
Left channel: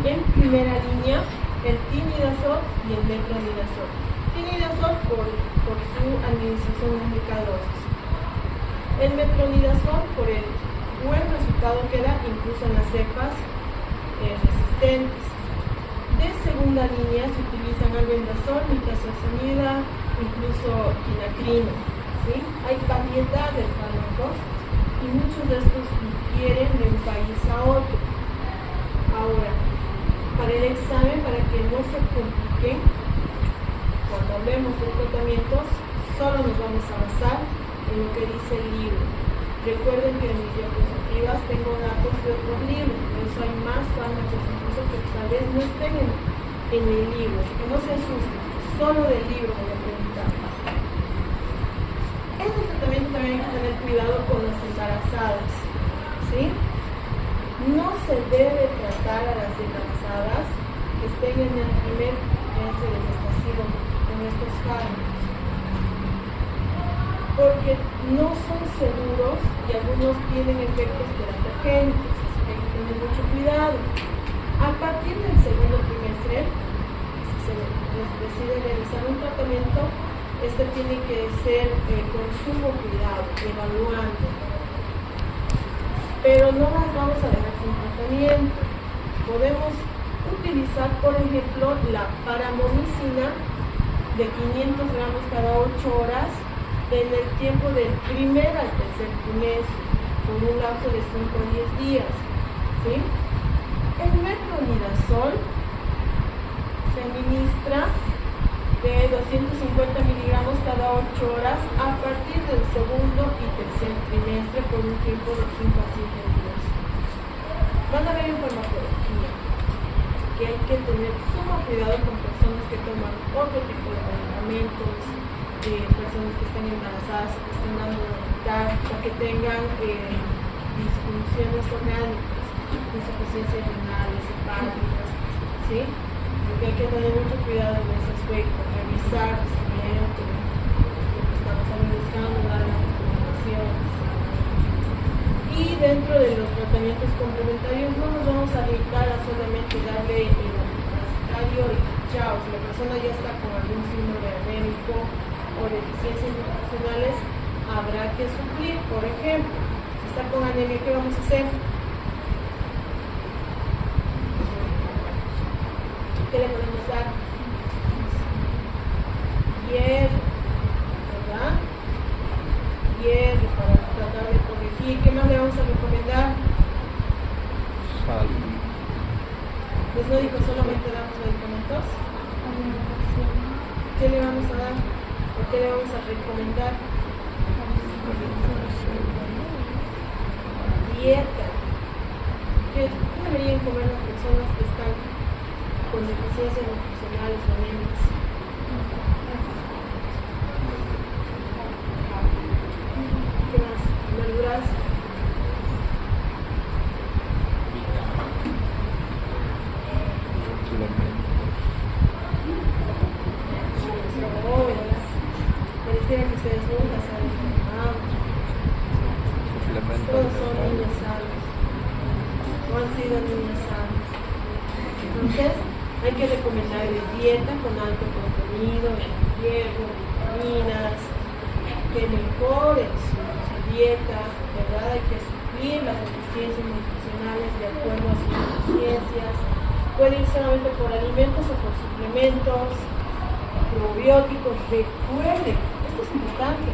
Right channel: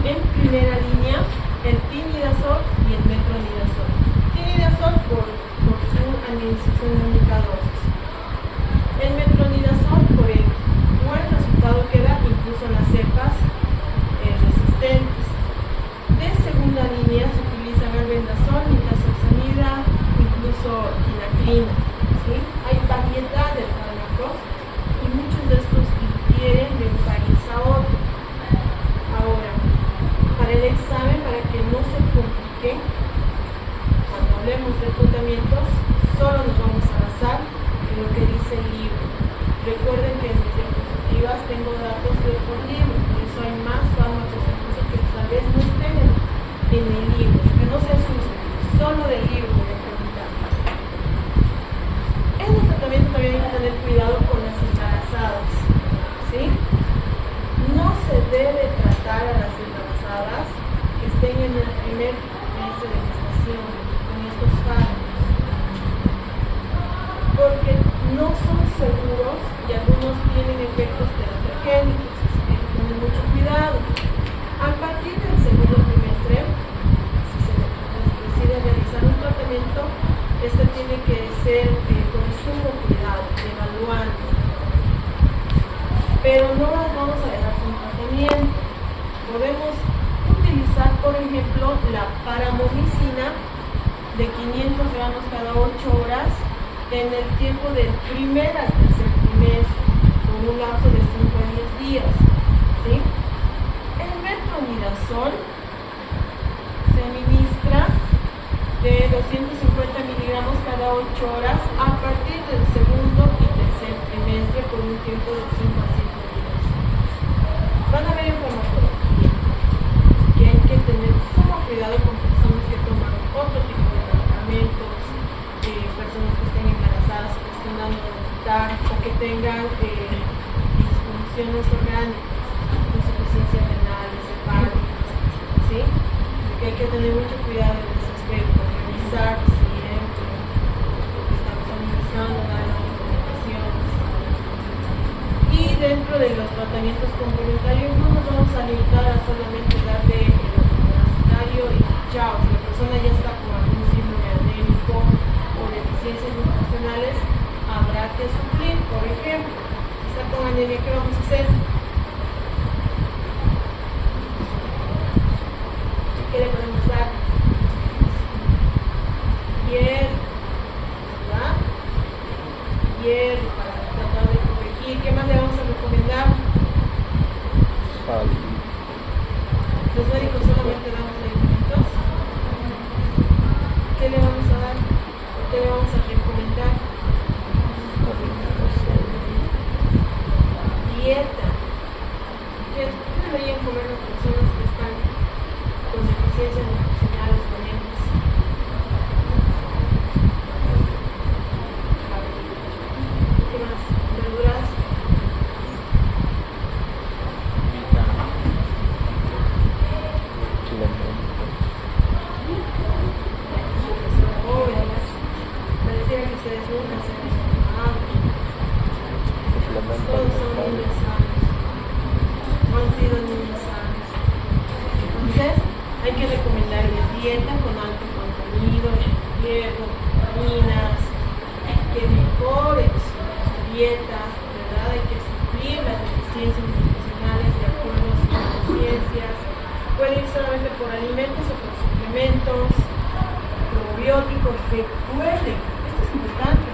en primera línea el tinidazol y el metronidazol. Tinidazol por su administración única dosis. El metronidazol por el buen resultado que da incluso en las cepas resistentes. De segunda línea se utilizan albendazol, nitazoxanida, incluso quinacrina, ¿sí? Hay variedad de fármacos y muchos de estos difieren de un país a otro. Ahora, para el examen, para que no se complique, cuando hablemos de tratamientos, solo nos vamos a basar en lo que dice el libro. Recuerden que en mis diapositivas tengo datos de otros libros, por eso hay más fármacos incluso que tal vez no estén en el libro, que no se asusten, solo del libro voy a preguntar. En el tratamiento también hay que tener cuidado con las embarazadas, ¿sí? No se debe tratar a las embarazadas que estén en el primer mes de gestación con estos fármacos, porque no son seguros y algunos tienen efectos teratogénicos, así que hay que tener mucho cuidado. A partir del segundo trimestre, si se decide realizar un tratamiento, esto tiene que ser con sumo cuidado, evaluando. Pero no las vamos a dejar sin tratamiento. Podemos utilizar, por ejemplo, la paramomicina de 500 gramos cada 8 horas en el tiempo del primer al tercer trimestre, con un lapso de 5 a 10 días, ¿sí? El metronidazol se administra de 250 miligramos cada 8 horas a partir del segundo y tercer trimestre por un tiempo de 5 a 7 días. Van a ver en farmacología que hay que tener sumo cuidado con personas que toman otro tipo de medicamentos, personas que estén embarazadas o que estén dando lactar, o que tengan disfunciones orgánicas, insuficiencias renales, hepáticas, ¿sí? Porque hay que tener mucho cuidado en ese aspecto, revisar siempre, porque estamos analizando las recomendaciones. Y dentro de los tratamientos complementarios no nos vamos a limitar a solamente darle el antiparasitario y chao, si la persona ya está con algún síndrome anémico o deficiencias nutricionales, habrá que suplir. Por ejemplo, si está con anemia, ¿qué vamos a hacer? ¿Qué le podemos dar? Hierro, ¿verdad? Hierro para tratar de corregir. ¿Qué más le vamos a recomendar? Sal. ¿Los médicos solamente damos medicamentos? ¿Qué le vamos a dar? ¿O qué le vamos a recomendar? Dieta. ¿Qué deberían comer las personas que están con deficiencias nutricionales o anemias? ¿Qué más? ¿Verduras? Pareciera que ustedes nunca se han enfermado. Todos son niños sanos. No han sido niños sanos. Entonces, hay que recomendarles dieta con alto contenido de hierro, vitaminas, que mejoren su dieta, ¿verdad? Hay que suplir las deficiencias nutricionales de acuerdo a sus deficiencias. Puede ir solamente por alimentos o por suplementos, probióticos. Recuerden, esto es importante,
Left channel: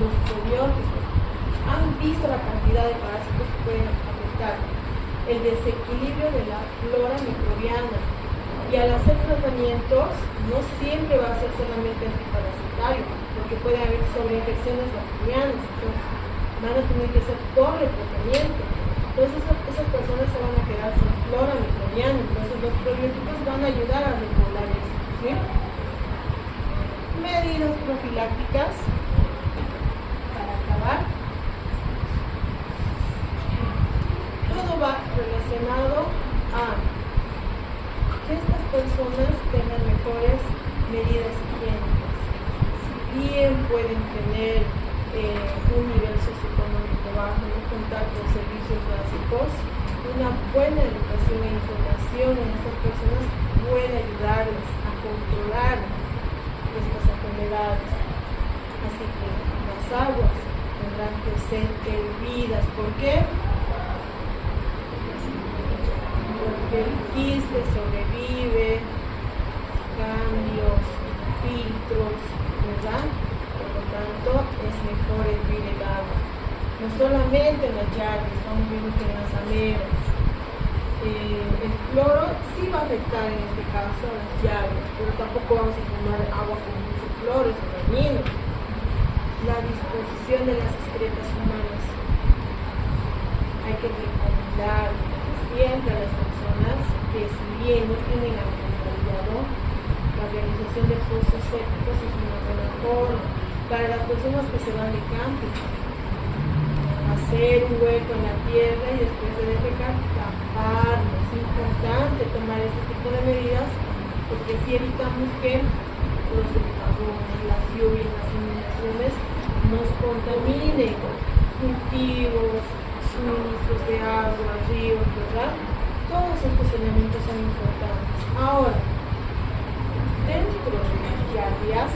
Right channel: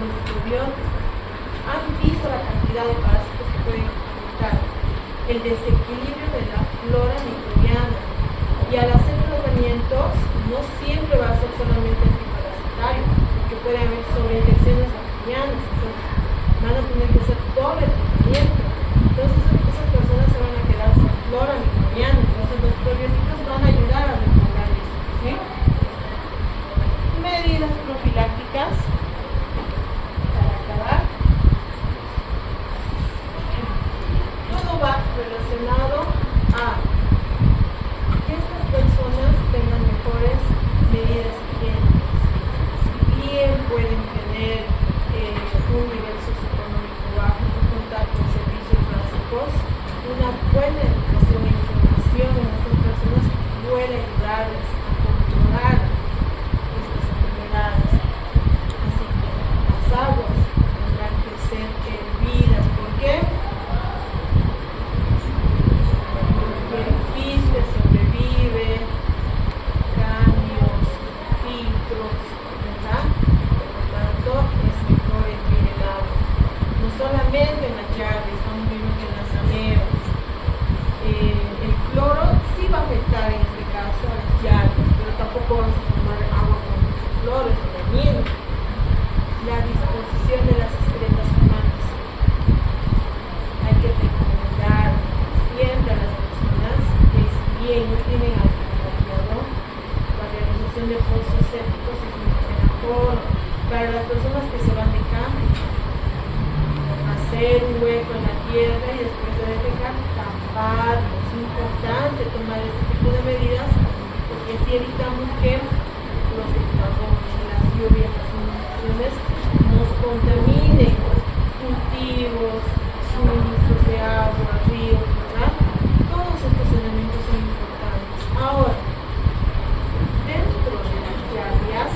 los probióticos han visto la cantidad de parásitos que pueden afectar, el desequilibrio de la flora microbiana, y al hacer tratamientos no siempre va a ser solamente antiparasitario, porque puede haber sobreinfecciones bacterianas, entonces van a tener que hacer doble tratamiento. Entonces esas personas se van a quedar sin flora microbiana, entonces los probióticos van a ayudar a regular eso, ¿sí? Medidas profilácticas para acabar. Todo va relacionado a que estas personas tengan mejores medidas higiénicas. Si bien pueden tener un nivel socioeconómico bajo, no contar con servicios básicos, una buena educación e información en estas personas puede ayudarles a controlar estas enfermedades. Así que las aguas tendrán que ser hervidas. ¿Por qué? Porque el quiste sobrevive, cambios, filtros, ¿verdad? Por lo tanto, es mejor hervir el agua. No solamente en las llaves, estamos viendo que en las aneras. El cloro sí va a afectar en este caso a las llaves, pero tampoco vamos a tomar agua con mucho cloro, es dañino. La disposición de las excretas humanas. Hay que recomendar siempre a las personas que, si bien no tienen alcantarillado, la realización de pozos sépticos es mucho mejor. Para las personas que se van de camping, hacer un hueco en la tierra y después de defecar, taparlo. Es importante tomar este tipo de medidas porque así evitamos que los aguas, las lluvias, las inundaciones nos contaminen cultivos, suministros de agua, ríos, ¿verdad? Todos estos elementos son importantes. Ahora, dentro de las lluvias,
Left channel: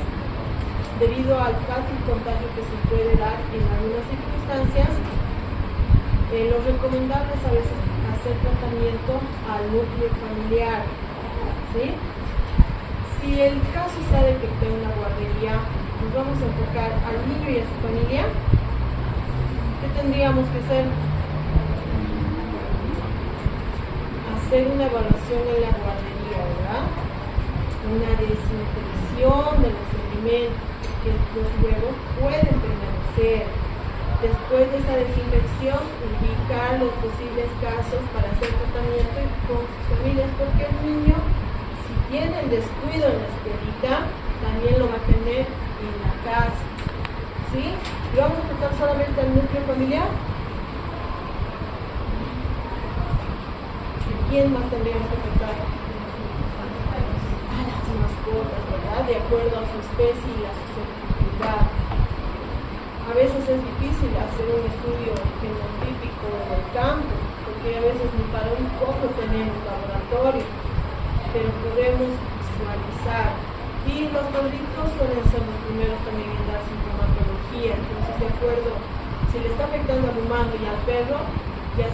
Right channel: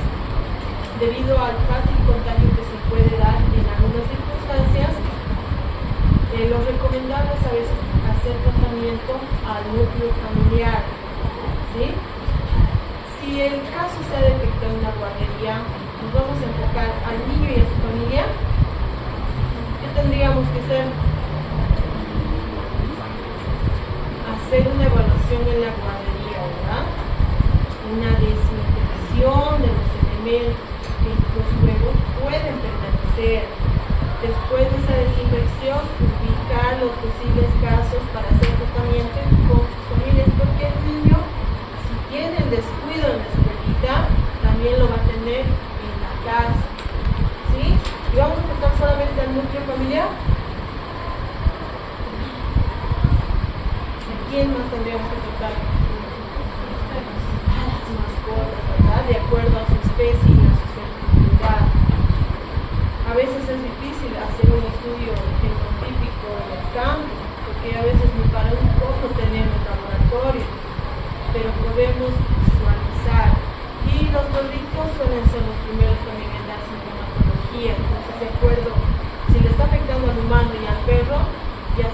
debido al fácil contagio que se puede dar en algunas circunstancias, lo recomendable es a veces hacer tratamiento al núcleo familiar, ¿sí? Si el caso está detectado en la guardería, nos vamos a enfocar al niño y a su familia. ¿Qué tendríamos que hacer? Hacer una evaluación en la guardería, ¿verdad? Una desinfección de los elementos, que los huevos pueden permanecer. Después de esa desinfección, ubicar los posibles casos para hacer tratamiento con sus familias, porque el niño, si tiene el descuido en la escuelita, también lo va a tener familiar? ¿Quién más tendríamos que tocar? A las mascotas, ¿verdad? De acuerdo a su especie y a su sensibilidad. A veces es difícil hacer un estudio fenotípico en el campo, porque a veces ni para un cojo tenemos laboratorio, pero podemos visualizar. Y los gorditos suelen ser los primeros también en dar sintomatología. Entonces, de acuerdo, si le está afectando al humano y al perro, ya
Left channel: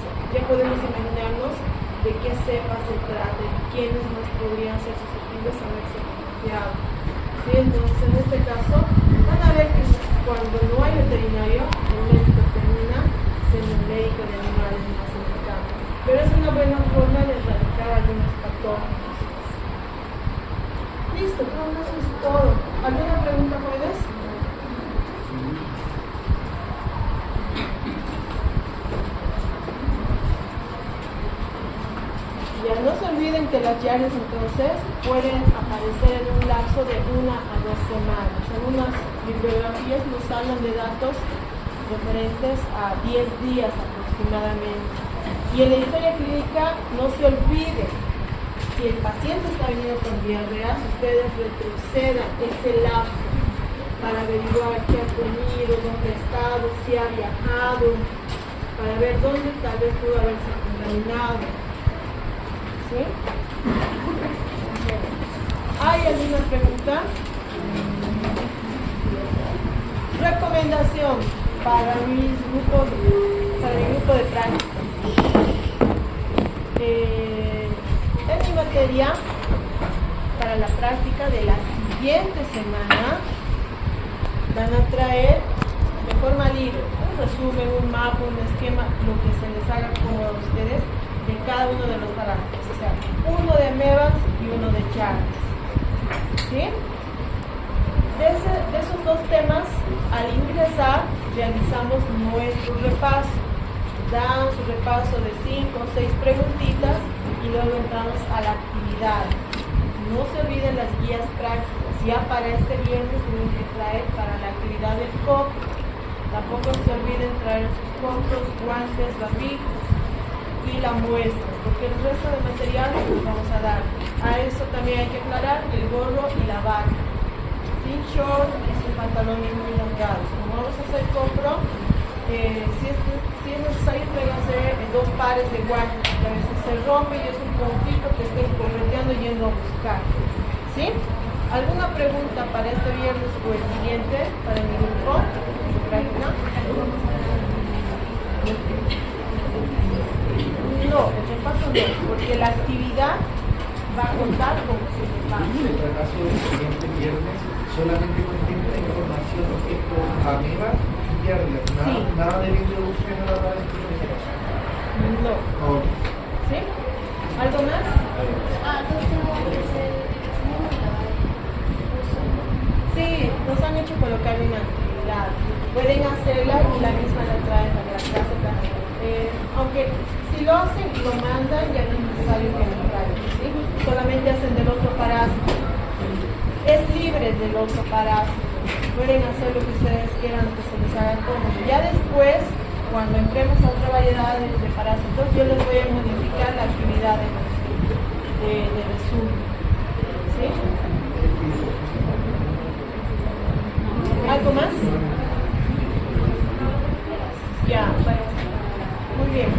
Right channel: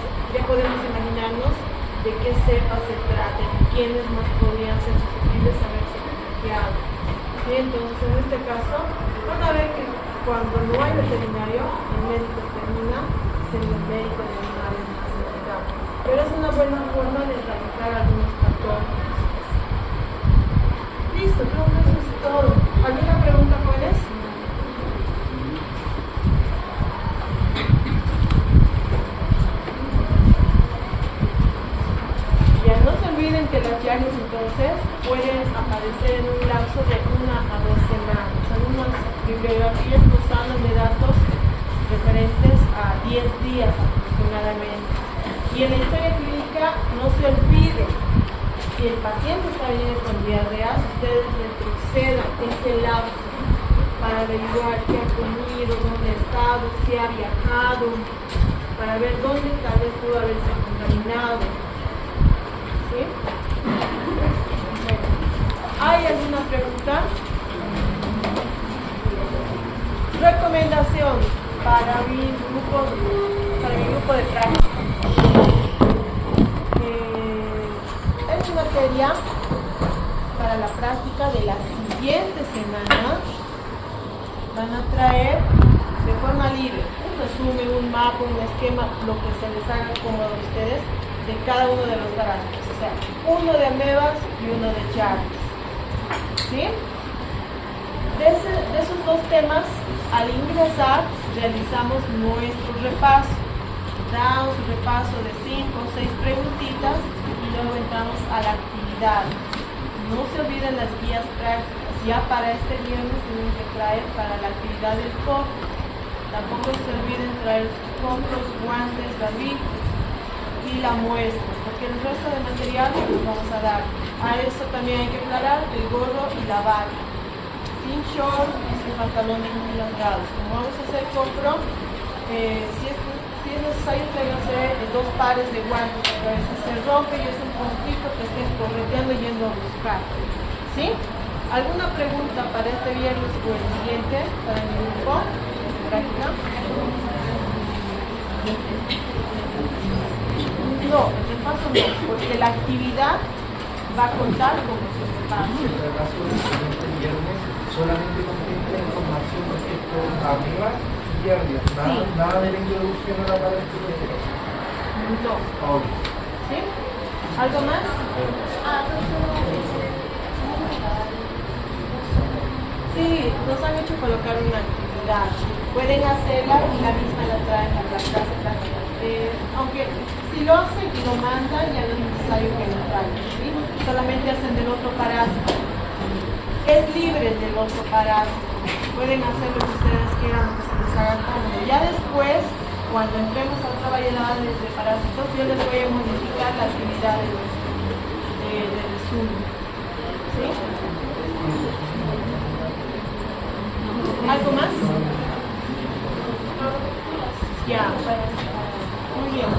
podemos imaginarnos de qué cepa se trata y quiénes más podrían ser susceptibles a verse contagiados. ¿Sí? Entonces, en este caso, van a ver que cuando no hay veterinario, el médico termina siendo el médico de animales más indicado. Pero es una buena forma de erradicar algunos patógenos. Listo, creo que eso es todo. ¿Alguna pregunta, jóvenes? Ya no se olviden que las diarias entonces pueden aparecer en un lapso de 1 a 2 semanas. Algunas bibliografías nos hablan de datos referentes a 10 días aproximadamente. Y en la historia clínica no se olvide, si el paciente está veniendo con diarrea, ustedes retrocedan ese lapso para averiguar qué ha comido, dónde ha estado, si ha viajado, para ver dónde tal vez pudo haberse contaminado. ¿Sí? Bueno. ¿Hay alguna pregunta? Recomendación para mi grupo de práctica. Es materia para la práctica de la siguiente semana. Van a traer de forma libre un resumen, un mapa, un esquema, lo que se les haga como a ustedes de cada uno de los parámetros, o sea, uno de amebas y uno de charlas. ¿Sí? De esos dos temas, al ingresar, realizamos nuestro repaso. Dan su repaso de 5 o 6 preguntitas y luego entramos a la actividad. No se olviden las guías prácticas. Ya para este viernes tienen que traer para la actividad del COP. Tampoco se olviden traer sus compros, guantes, barbijos y la muestra, porque el resto del material los vamos a dar. A eso también hay que aclarar el gorro y la vaca, sin short y sin pantalones muy largados. Como vamos a hacer compro, si es necesario tráiganse 2 pares de guantes, a veces se rompe y es un puntito que estén correteando yendo a buscar. ¿Sí? ¿Alguna pregunta para este viernes o el siguiente para mi grupo? No, el repaso no, porque la actividad va a contar como su repaso. Solamente contiene información respecto a amebas y diarreas, Sí. nada de la introducción a la parálisis. No. ¿Sí? ¿Algo más? Sí, nos han hecho colocar una actividad. Pueden hacerla y la misma la traen a la clase también. Aunque si lo hacen y lo mandan, ya no es necesario que lo traigan. ¿Sí? Solamente hacen del otro parásito. Es libre del otro parásito. Pueden hacer lo que ustedes quieran, que se les haga cómodo. Ya después, cuando entremos a otra variedad de parásitos, yo les voy a modificar la actividad de resumen. ¿Sí? ¿Algo más? Ya, muy bien.